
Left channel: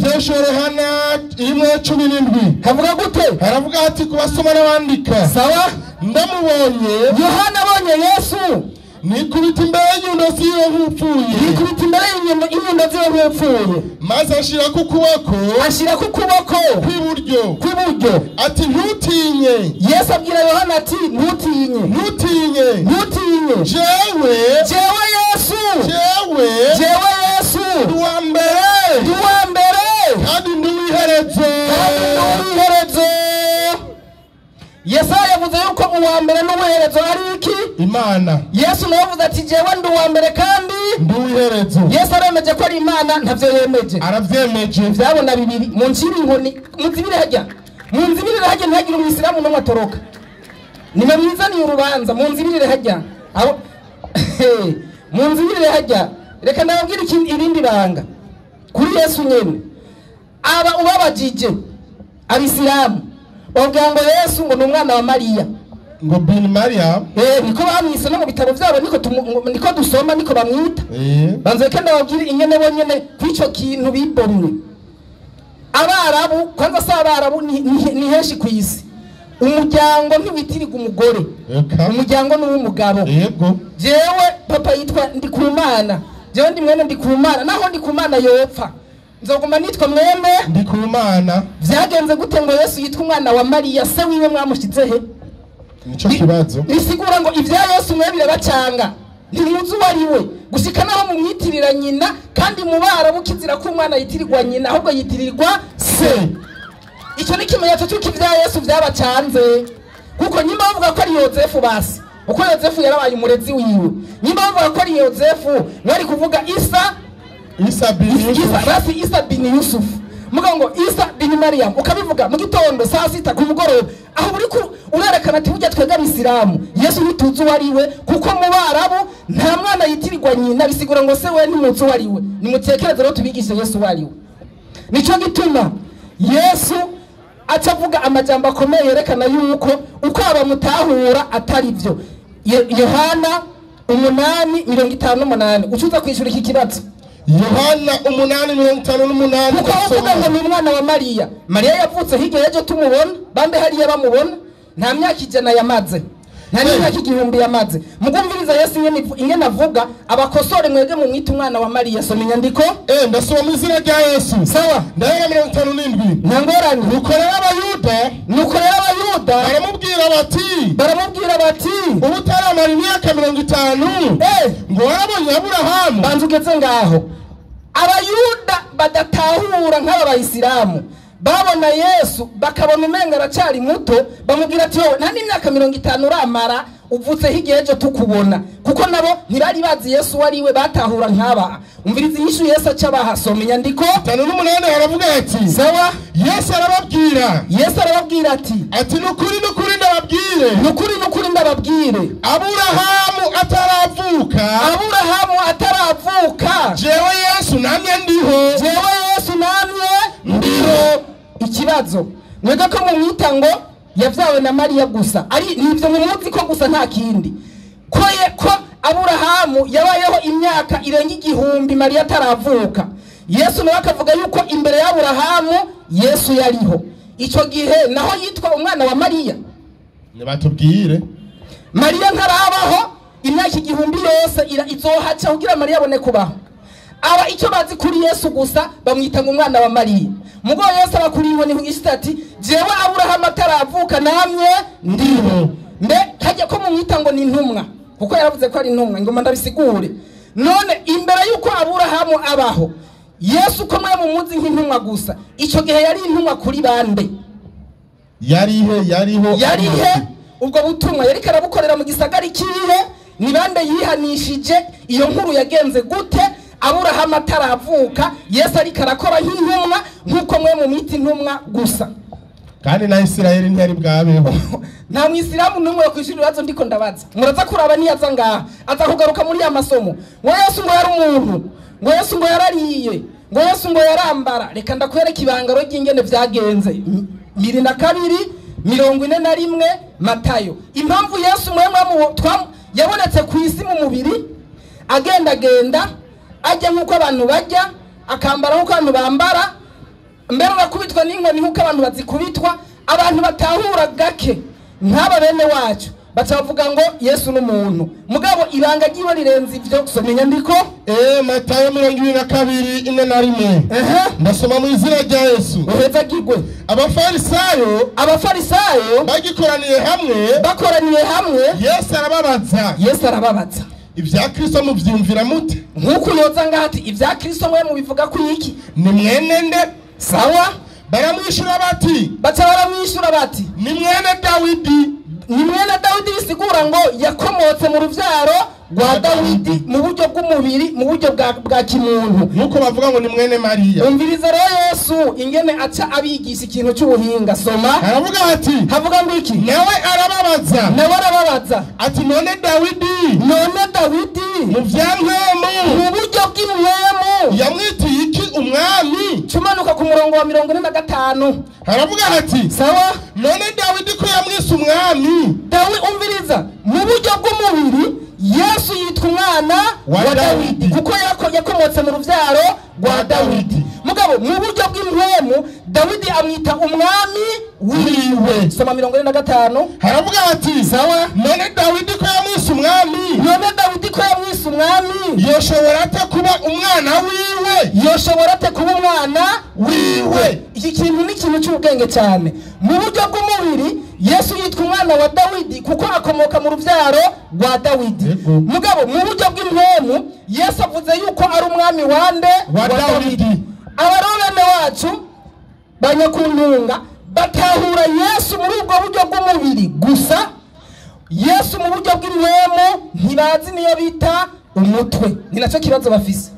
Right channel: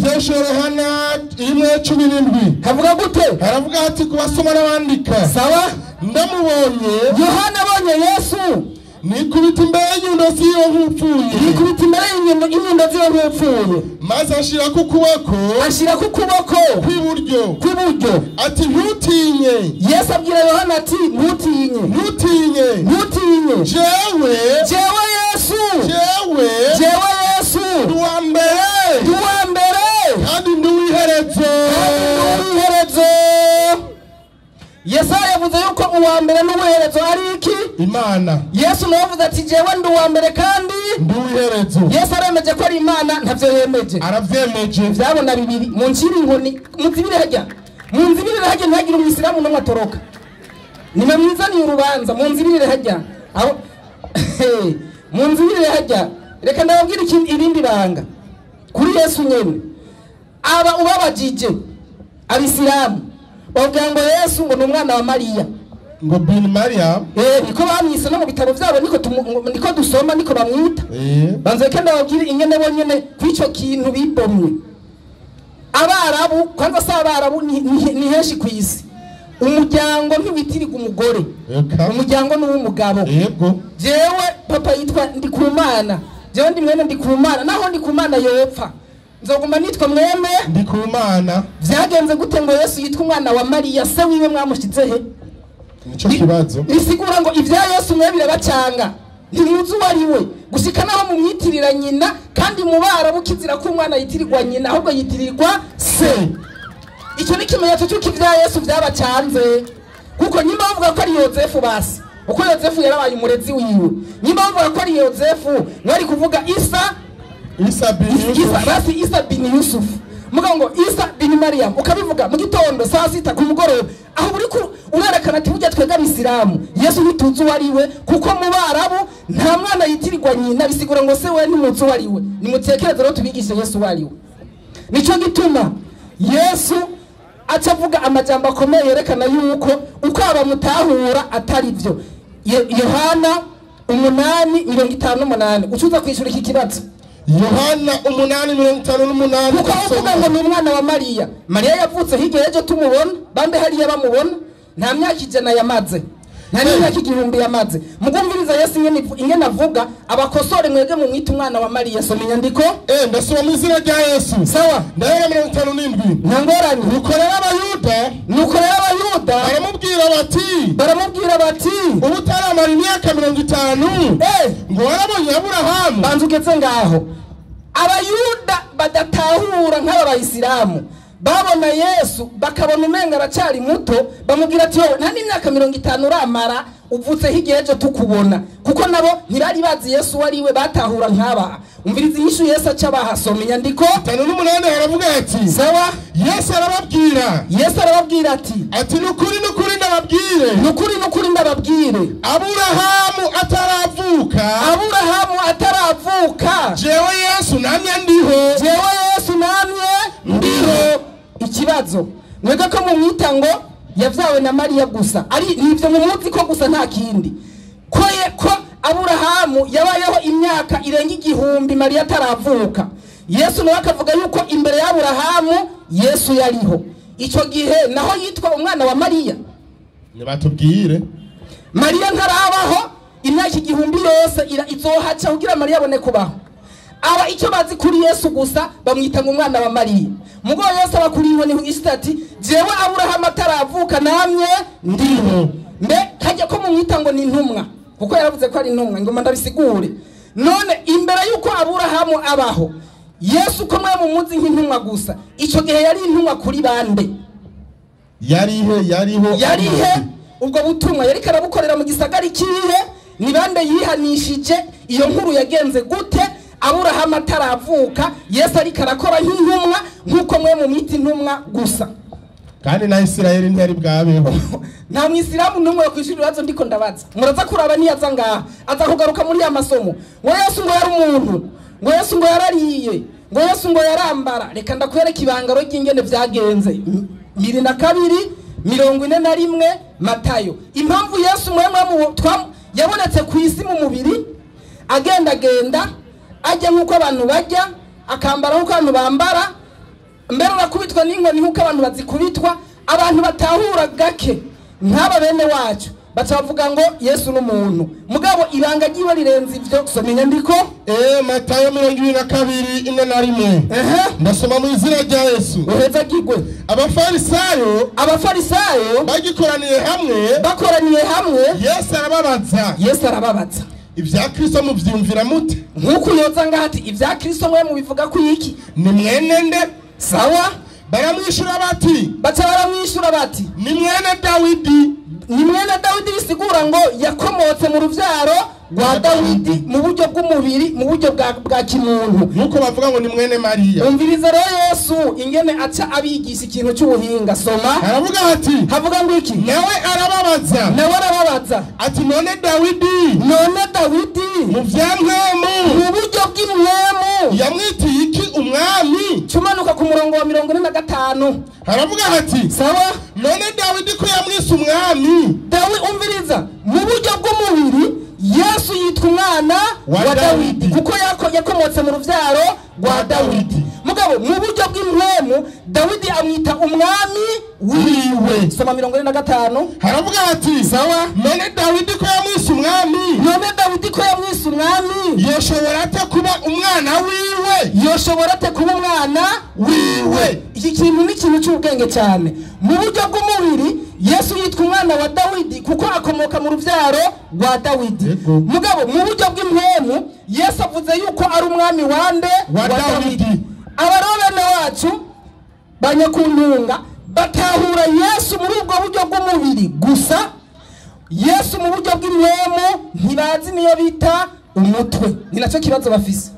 Yesu Yohana 1:17 havuga gute? haravuga ati kubasoma n'abandika. Sawa, ndamubonye Yohana abonye Yesu nikubita imbere y'inyundo ziwe nk'upfuye. nikubita imbere y'inyundo ziwe nk'upfuye, maze ashira ku kuboko kw'iburyo ati ntutinye. Yesu abwira Yohana ati ntutinye jewe Yesu uwa mbere kandi nduw'iherezo. Yesaya yavuze yuko uwa mbere n'uw'iherezo ari iki? Imana. Yesu nawe avuze ati jewe ndi uwa mbere kandi nduw'iherezo. Yesu aremeje ko ari Imana, ntavyo yemeje. Aravyemeje. Vyabona bibiri mu nciri inkoni muzibire hajya ntihagire umwisilamu n'umwe atoroka. Nimwe mwizaniye urubanza munzibire hajya aho munzibire hajya. Reka nababwira irindi banga kuri Yesu nyene. Aba ubabajije abisilamu bavuga ngo Yesu ngo ni umwana wa Mariya, ngo bin Maria. niko bamwise no mu bitabo byabo, niko dusoma, niko bamwita. Banze kenda babwira ingene bonyene kwico kintu bibomwe. Abarabu kwanza sa abarabu ni henshi kwisi. Umuryango ntiwitiriga umugore, umuryango n'uw'umugabo. Yego. Jewe papa yitwa Ndikumana, jewe ndi mwene Ndikumana, naho Ndikumana yopfa nzoguma nitwa mwene Ndikumana. Vyagenze gute ngo Yesu yitwa umwana wa Mariya? Se wiwe mwamushize he? Nico kibazo. Nisigura ngo ivya Yesu mwebire bacanga ntimuzi wariwe gushika naho mumwitirira nyina, kandi mubara bukizira ko umwana yitirirwa nyina ahubwo yitirirwa se. Icyo ni kimenyetso cy'uko ivya Yesu vyabacanze, kuko nyima bavuga ko ari Yozefu basi, uko Yozefu yarabaye umurezi wiwe. Nyima bavuga ko ari Yozefu bari kuvuga Isa bin Yusuf, mugongo Isa bin Mariam, ukabivuga mu gitondo saa sita ku mugoroba, aho uri urerekana ati burya twega Isilamu Yesu ntituzi wariwe, kuko mu Barabu nta mwana yitirirwa nyina. Bisigura ngo se we ntimuzi wariwe. Nimutekereze rero tubigishe Yesu wariwe. Nico gituma Yesu acavuga amajambo akomeye yerekana yuko uko abamutahura atari byo. Yohana 8:58 ucuza kwishura iki kibazo. Yohana 8:58 kuko avuga ngo ni umwana wa Mariya. Mariya yavutse hirya ejo tumubona, bande hariya bamubona, nta myaka ijana yamaze, nta myaka 1000 yamaze. Mugumviriza Yesu ingene avuga, abakosore mwege mu mwita umwana wa Mariya. Soma inyandiko. Ndasoma mu izina rya Yesu. Sawa. Ndahera 57. Ntangorane. Nukorera abayuda baramubwira bati ubutaramara imyaka 50 ngo warabonye Aburahamu. Banzu ugeze ngaho. Abayuda badatahura nk'aba bayisilamu babona Yesu bakabona umenga aracari muto, bamubwira ati yo nta n'imyaka 50 uramara uvutse hirya ejo tukubona, kuko nabo ntibari bazi Yesu wariwe, batahura nk'aba. Umviriza inyishu Yesu aca bahasoma inyandiko 58 haravuga ati sawa. Yesu arababwira ati nukuri ndababwire Aburahamu ataravuka jewe Yesu namye ndiho. Ikibazo mwega ko mu mwita ngo yavyawe na Mariya gusa, ari nivyo mu muzi ko gusa nta kindi, ko Aburahamu yabayeho imyaka irenga 1000 Mariya ataravuka. Yesu nawe akavuga yuko imbere ya Aburahamu Yesu yariho. Ico gihe naho yitwa umwana wa Mariya. Nibatubwire Mariya ntarabaho imyaka 1000 yose izohaca kugira Mariya abone kubaho. Aba icyo bazi kuri Yesu gusa bamwita ngo umwana wa Mariya. Mugo Yesu abakuriho ni istati jewe Aburahamu ataravuka namye ndiho. Mbe hajya ko mumwita ngo ni intumwa, kuko yaravuze ko ari intumwa, ngo ndabisigure. None imbere yuko Aburahamu abaho Yesu ko mwe mumuzi nk'intumwa gusa, ico gihe yari intumwa kuri bande? Yarihe ubwo butumwa yari karabukorera mu gisagara kihe? Ni bande yihanishije? Iyo nkuru yagenze gute? aburahamu ataravuka yesu ariko arakora nk'intumwa nk'uko mwe mu miti intumwa gusa kandi na Isirayeli ntiyari bwabeho. nta mwisilamu n'umwe kwishura ibibazo ndiko ndabaza muraza kuraba niyaza ngaha aza kugaruka muri ya masomo ngo yesu ngo yari umuntu ngo yesu ngo yarariye ngo yesu ngo yarambara reka ndakwereka ibangaro ry'ingene vyagenze 22:41 Matayo. Impamvu yesu mwemwe yabonetse ku isi mu mubiri agenda ajya nk'uko abantu bajya akambara nk'uko abantu bambara mbere bakubitwa n'inkoni nk'uko abantu bazikubitwa abantu batahura gake nk'aba bene wacu bacavuga ngo yesu n'umuntu mugabo iranga ryiwe rirenze ivyo soma inyandiko Matayo 22:41 ndasoma mu izina rya Yesu uheza gigwe abafarisayo bakoraniye hamwe Yesu arababaza ibya Kristo muvyumvira mute nkuko yoza ngati ibya Kristo mwe mubivuga ku iki ni mwene nde sawa baramwishura bati ni mwene Dawidi bisigura ngo yakomotse mu ruvyaro rwa Dawidi mu buryo bw'umubiri mu buryo bwa kimuntu nuko bavuga ngo ni mwene Mariya. Umviriza rero Yesu ingene aca abigisha ikintu cy'ubuhinga soma havuga ngo iki nawe arababaza ati none Dawidi mu vyamwemu mu buryo bw'imwemu yamwitiye iki umwami cumanuka ku murongo wa 45 haravuga ati sawa none Dawidi ko yamwise umwami umviriza mu buryo bw'umubiri Yesu yitwa umwana wa Dawidi kuko yakomotse mu ruvyaro rwa Dawidi mugabo mu buryo bw'impwemu Dawidi amwita umwami wiwe soma 45 haravuga ati sawa none Dawidi ko yamwise umwami yoshobora ate kuba umwana wiwe iki kintu ni ikintu cy'ubwenge cyane mu buryo bw'umubiri Yesu yitwa umwana wa Dawidi kuko akomoka mu ruvyaro rwa Dawidi mugabo mu buryo bw'impwemu Yesu avuze yuko ari umwami wande wa Dawidi. Abarobane wacu banyakuntunga batahura Yesu muri ubwo buryo bw'umubiri gusa Yesu mu buryo bw'impwemu ntibazi niyo bita umutwe ni nacyo kibazo bafise.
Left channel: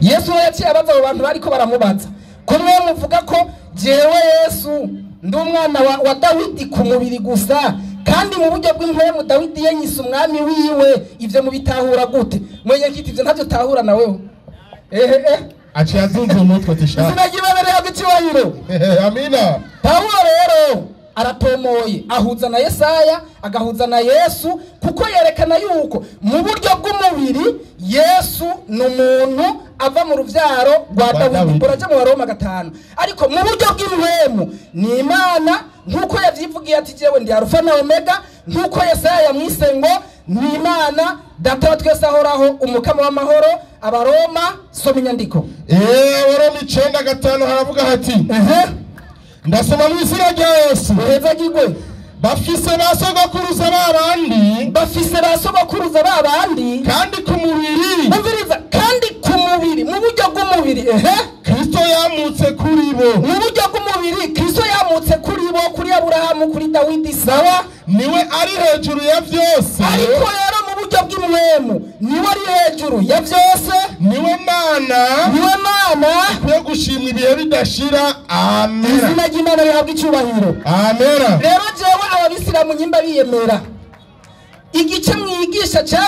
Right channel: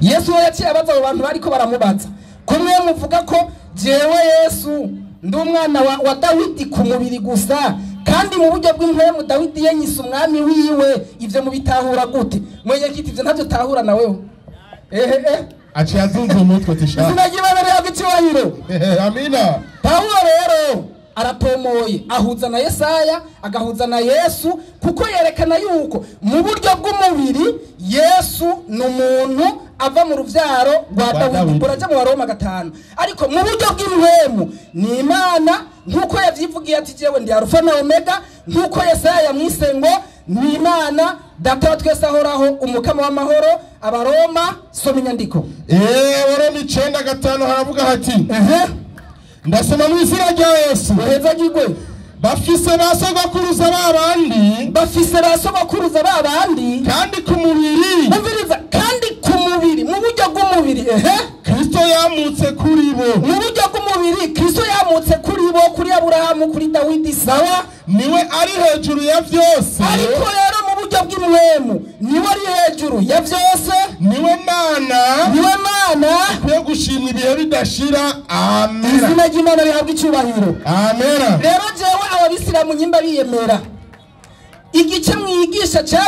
Yesu yaciye abaza abo bantu bariko baramubaza ko mwe muvuga ko jewe Yesu ndi umwana wa Dawidi ku mubiri gusa kandi mu buryo bw'impwemu Dawidi yenyise umwami wiwe ivyo mubitahura gute mwenye kiti ivyo ntavyo tahura na wewe aciye azunze umutwe tishaka sinagibabere yagicyubahiro amina. Paulo rero aratomoye ahuza na Yesaya agahuza na Yesu kuko yerekana yuko mu buryo bw'umubiri Yesu n'umuntu ava mu ruvyaro rwa Dawidi buraje mu Baroma 5 ariko mu buryo bw'impwemu ni Imana nkuko yavyivugiye ati jewe ndi Alpha na Omega nkuko Yesaya yamwise ngo ni Imana data twese ahoraho umukama w'amahoro. Abaroma soma inyandiko Baroma 9:5 haravuga hati ndasoma mu izina rya Yesu uheza gigwe bafise basogokuruza babandi kandi ku mubiri umviriza kandi ku mubiri mu buryo bw'umubiri Kristo yamutse kuri bo mu buryo bw'umubiri Kristo yamutse kuri bo kuri Aburahamu kuri Dawidi sawa niwe ari hejuru ya vyose ariko rero mu buryo bw'imwemu niwe ari hejuru ya vyose niwe Mana yo gushimira ibihe bidashira amen. Izina ry'Imana rihabwa icyubahiro amen. Rero jewe ababisilamu nyimba biyemera igice mwigisha cha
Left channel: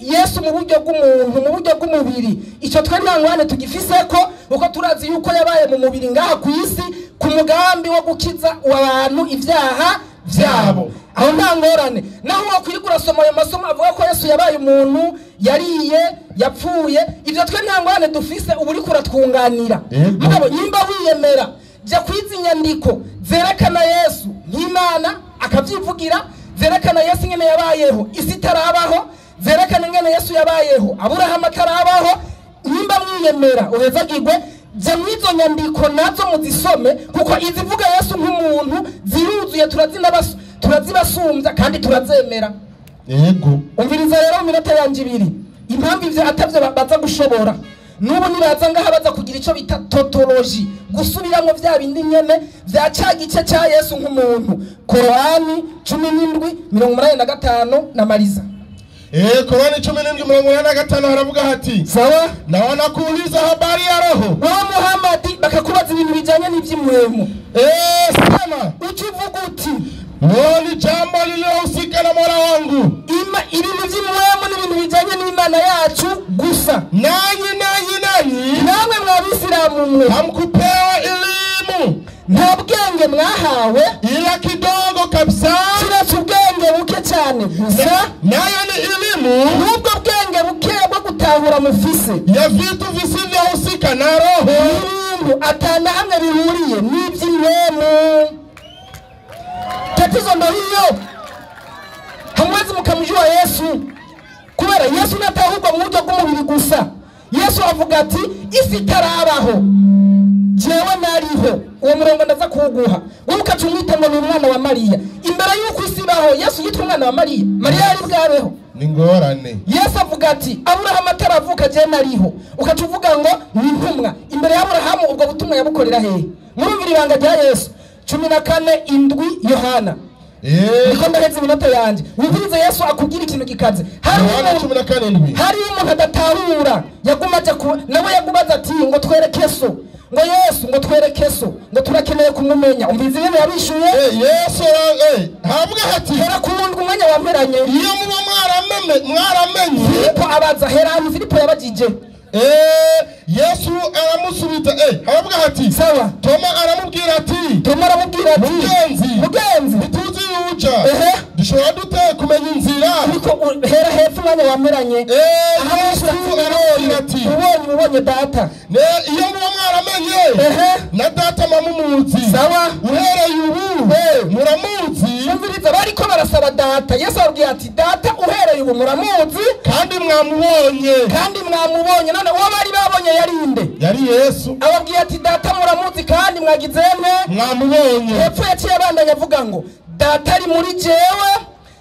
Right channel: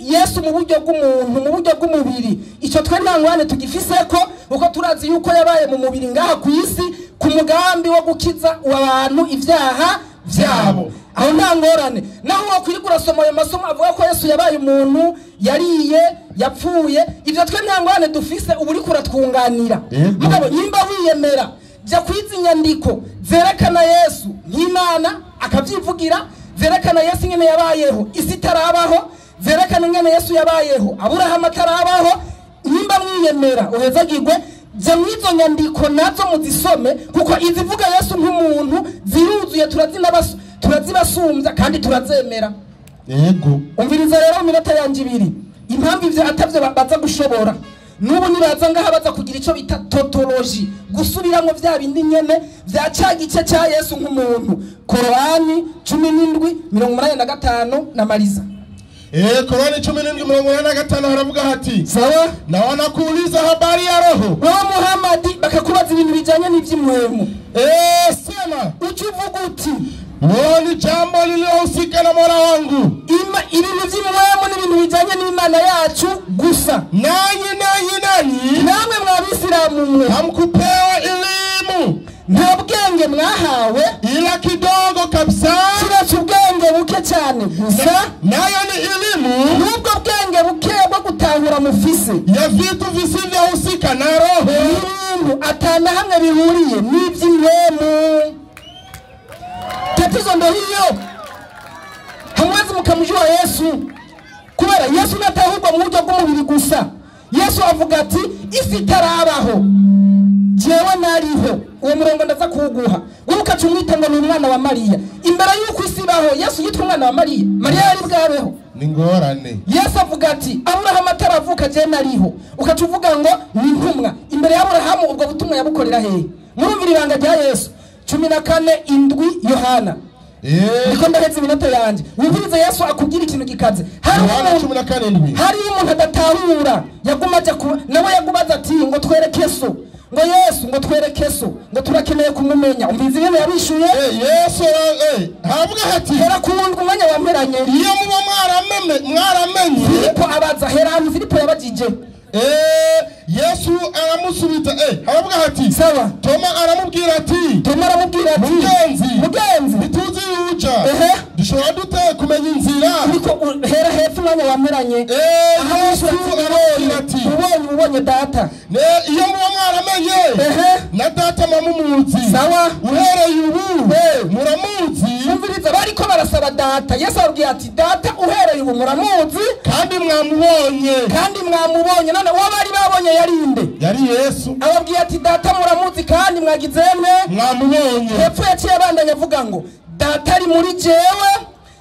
Yesu mu buryo bw'umuntu mu buryo bw'umubiri ico twe ntangwane tugifise ko uko turazi yuko yabaye mu mubiri ngaha ku isi ku mugambi wo gukiza abantu ivyaha vyabo aho ntangorane naho wakwigura soma ayo masomo avuga ko Yesu yabaye umuntu yariye yapfuye ivyo twe ntangorane dufise uburi kuratwunganira mugabo nyimba wiyemera ja kwiza inyandiko zerekana Yesu nk'Imana akavyivugira zerekana Yesu ngene yabayeho isi tarabaho zerekana ngene Yesu yabayeho Aburahamu tarabaho nyimba mwiyemera uhezagirwe je mwizo nyandiko nazo muzisome kuko izivuga Yesu nk'umuntu ziruzuye turazibasumbya kandi turazemera umviriza rero mu minota yanje 2 impamvu ivyo atavyo baza gushobora nubu nibaza ngaha baza kugira ico bita tautology gusubiramwo vya bindi nyene vya cagice ca Yesu nk'umuntu Korani 17:85 na Mariza Korani 17:85 haravuga hati sawa na wanakuuliza habari ya roho wa Muhammad bakakubaza ibintu bijanye n'ivy'imwemu sema ukivuga uti ni jambo lililohusika na Mola wangu ibintu vy'imwemu n'ibintu bijanye n'Imana yacu gusa nanyi namwe mw'abisilamu mwe hamkupewa elimu nta bwenge mwahawe ila kidogo kabisa kiretse ubwenge buke cyane gusa nayo ni elimu n'ubwo bwenge buke bwo gutahura mufise ya vitu visivyohusika na roho n'ibintu atana hamwe bihuriye n'ivy'imwemu. Tatizo ndo hiyo, hamwezi mkamjua Yesu kubera Yesu natahurwa mu buryo bw'umubiri gusa. Yesu avuga ati isi itarabaho jewe nariho, uwo murongo ndaza kuwuguha wowe ukacumwita ngo ni umwana wa Mariya. Imbere y'uko isi ibaho Yesu yitwa umwana wa Mariya, Mariya yari bwabeho ni ngorane. Yesu avuga ati Aburahamu ataravuka je nariho, ukacuvuga ngo ni intumwa. Imbere ya Aburahamu ubwo butumwa yabukorera hehe? Murumvira ibanga rya Yesu 14:7 Yohana. Niko ndaheze iminota yanje. Wumvirize Yesu akubwira ikintu gikaze. Hari umuntu adatahura yagumaje nawe yagubaza ati ngo twereke so, ngo Yesu ngo twereke so, ngo turakeneye kumumenya. Umvize ibintu yabishuye Yesu havuga hati hera kuwundwa umwanya wamperanye iyo muba mwaramenye Filipo abaza hera Filipo yabajije Yesu aramusubiza havuga hati sawa. Toma aramubwira ati mugenzi bituzi uja dushobora dute kumenya inzira niko hera hepfo umwanya wamperanye Yesu aramubwira ati ubonye data iyo muba mwaramenye na data mamumuzi sawa uhereye ubu muramuzi. Umviriza bariko barasaba data. Yesu ababwira ati data uhereye ubu muramuzi kandi mwamubonye none uwo bari babonye yarinde yari Yesu. Ababwira ati data muramuzi kandi mwagizemwe mwamubonye. Hepfo yaciye abandanya avuga ngo data ari muri jewe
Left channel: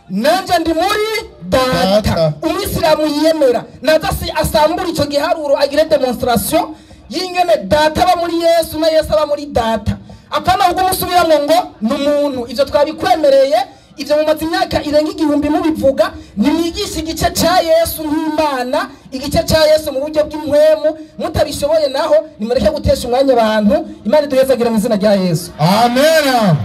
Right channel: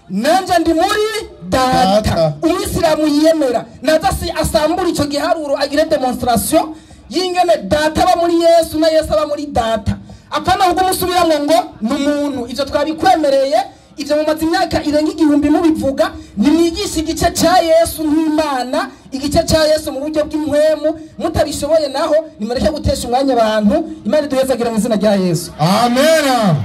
nanje ndi muri data. Umwisilamu yiyemera naza asambura ico giharuro agire demonstration yingene data aba muri Yesu na Yesu aba muri data. Apana ubwo musubiramwe ngo n'umuntu. Ivyo twabikwemereye, ivyo mu mazi imyaka irenga 1000 mubivuga. Nimwigisha igice ca Yesu nk'Imana, igice ca Yesu mu buryo bw'imwemu. Mutabishoboye naho nimureke gutesha umwanya abantu. Imana iduhezagira mu izina rya Yesu. Amen.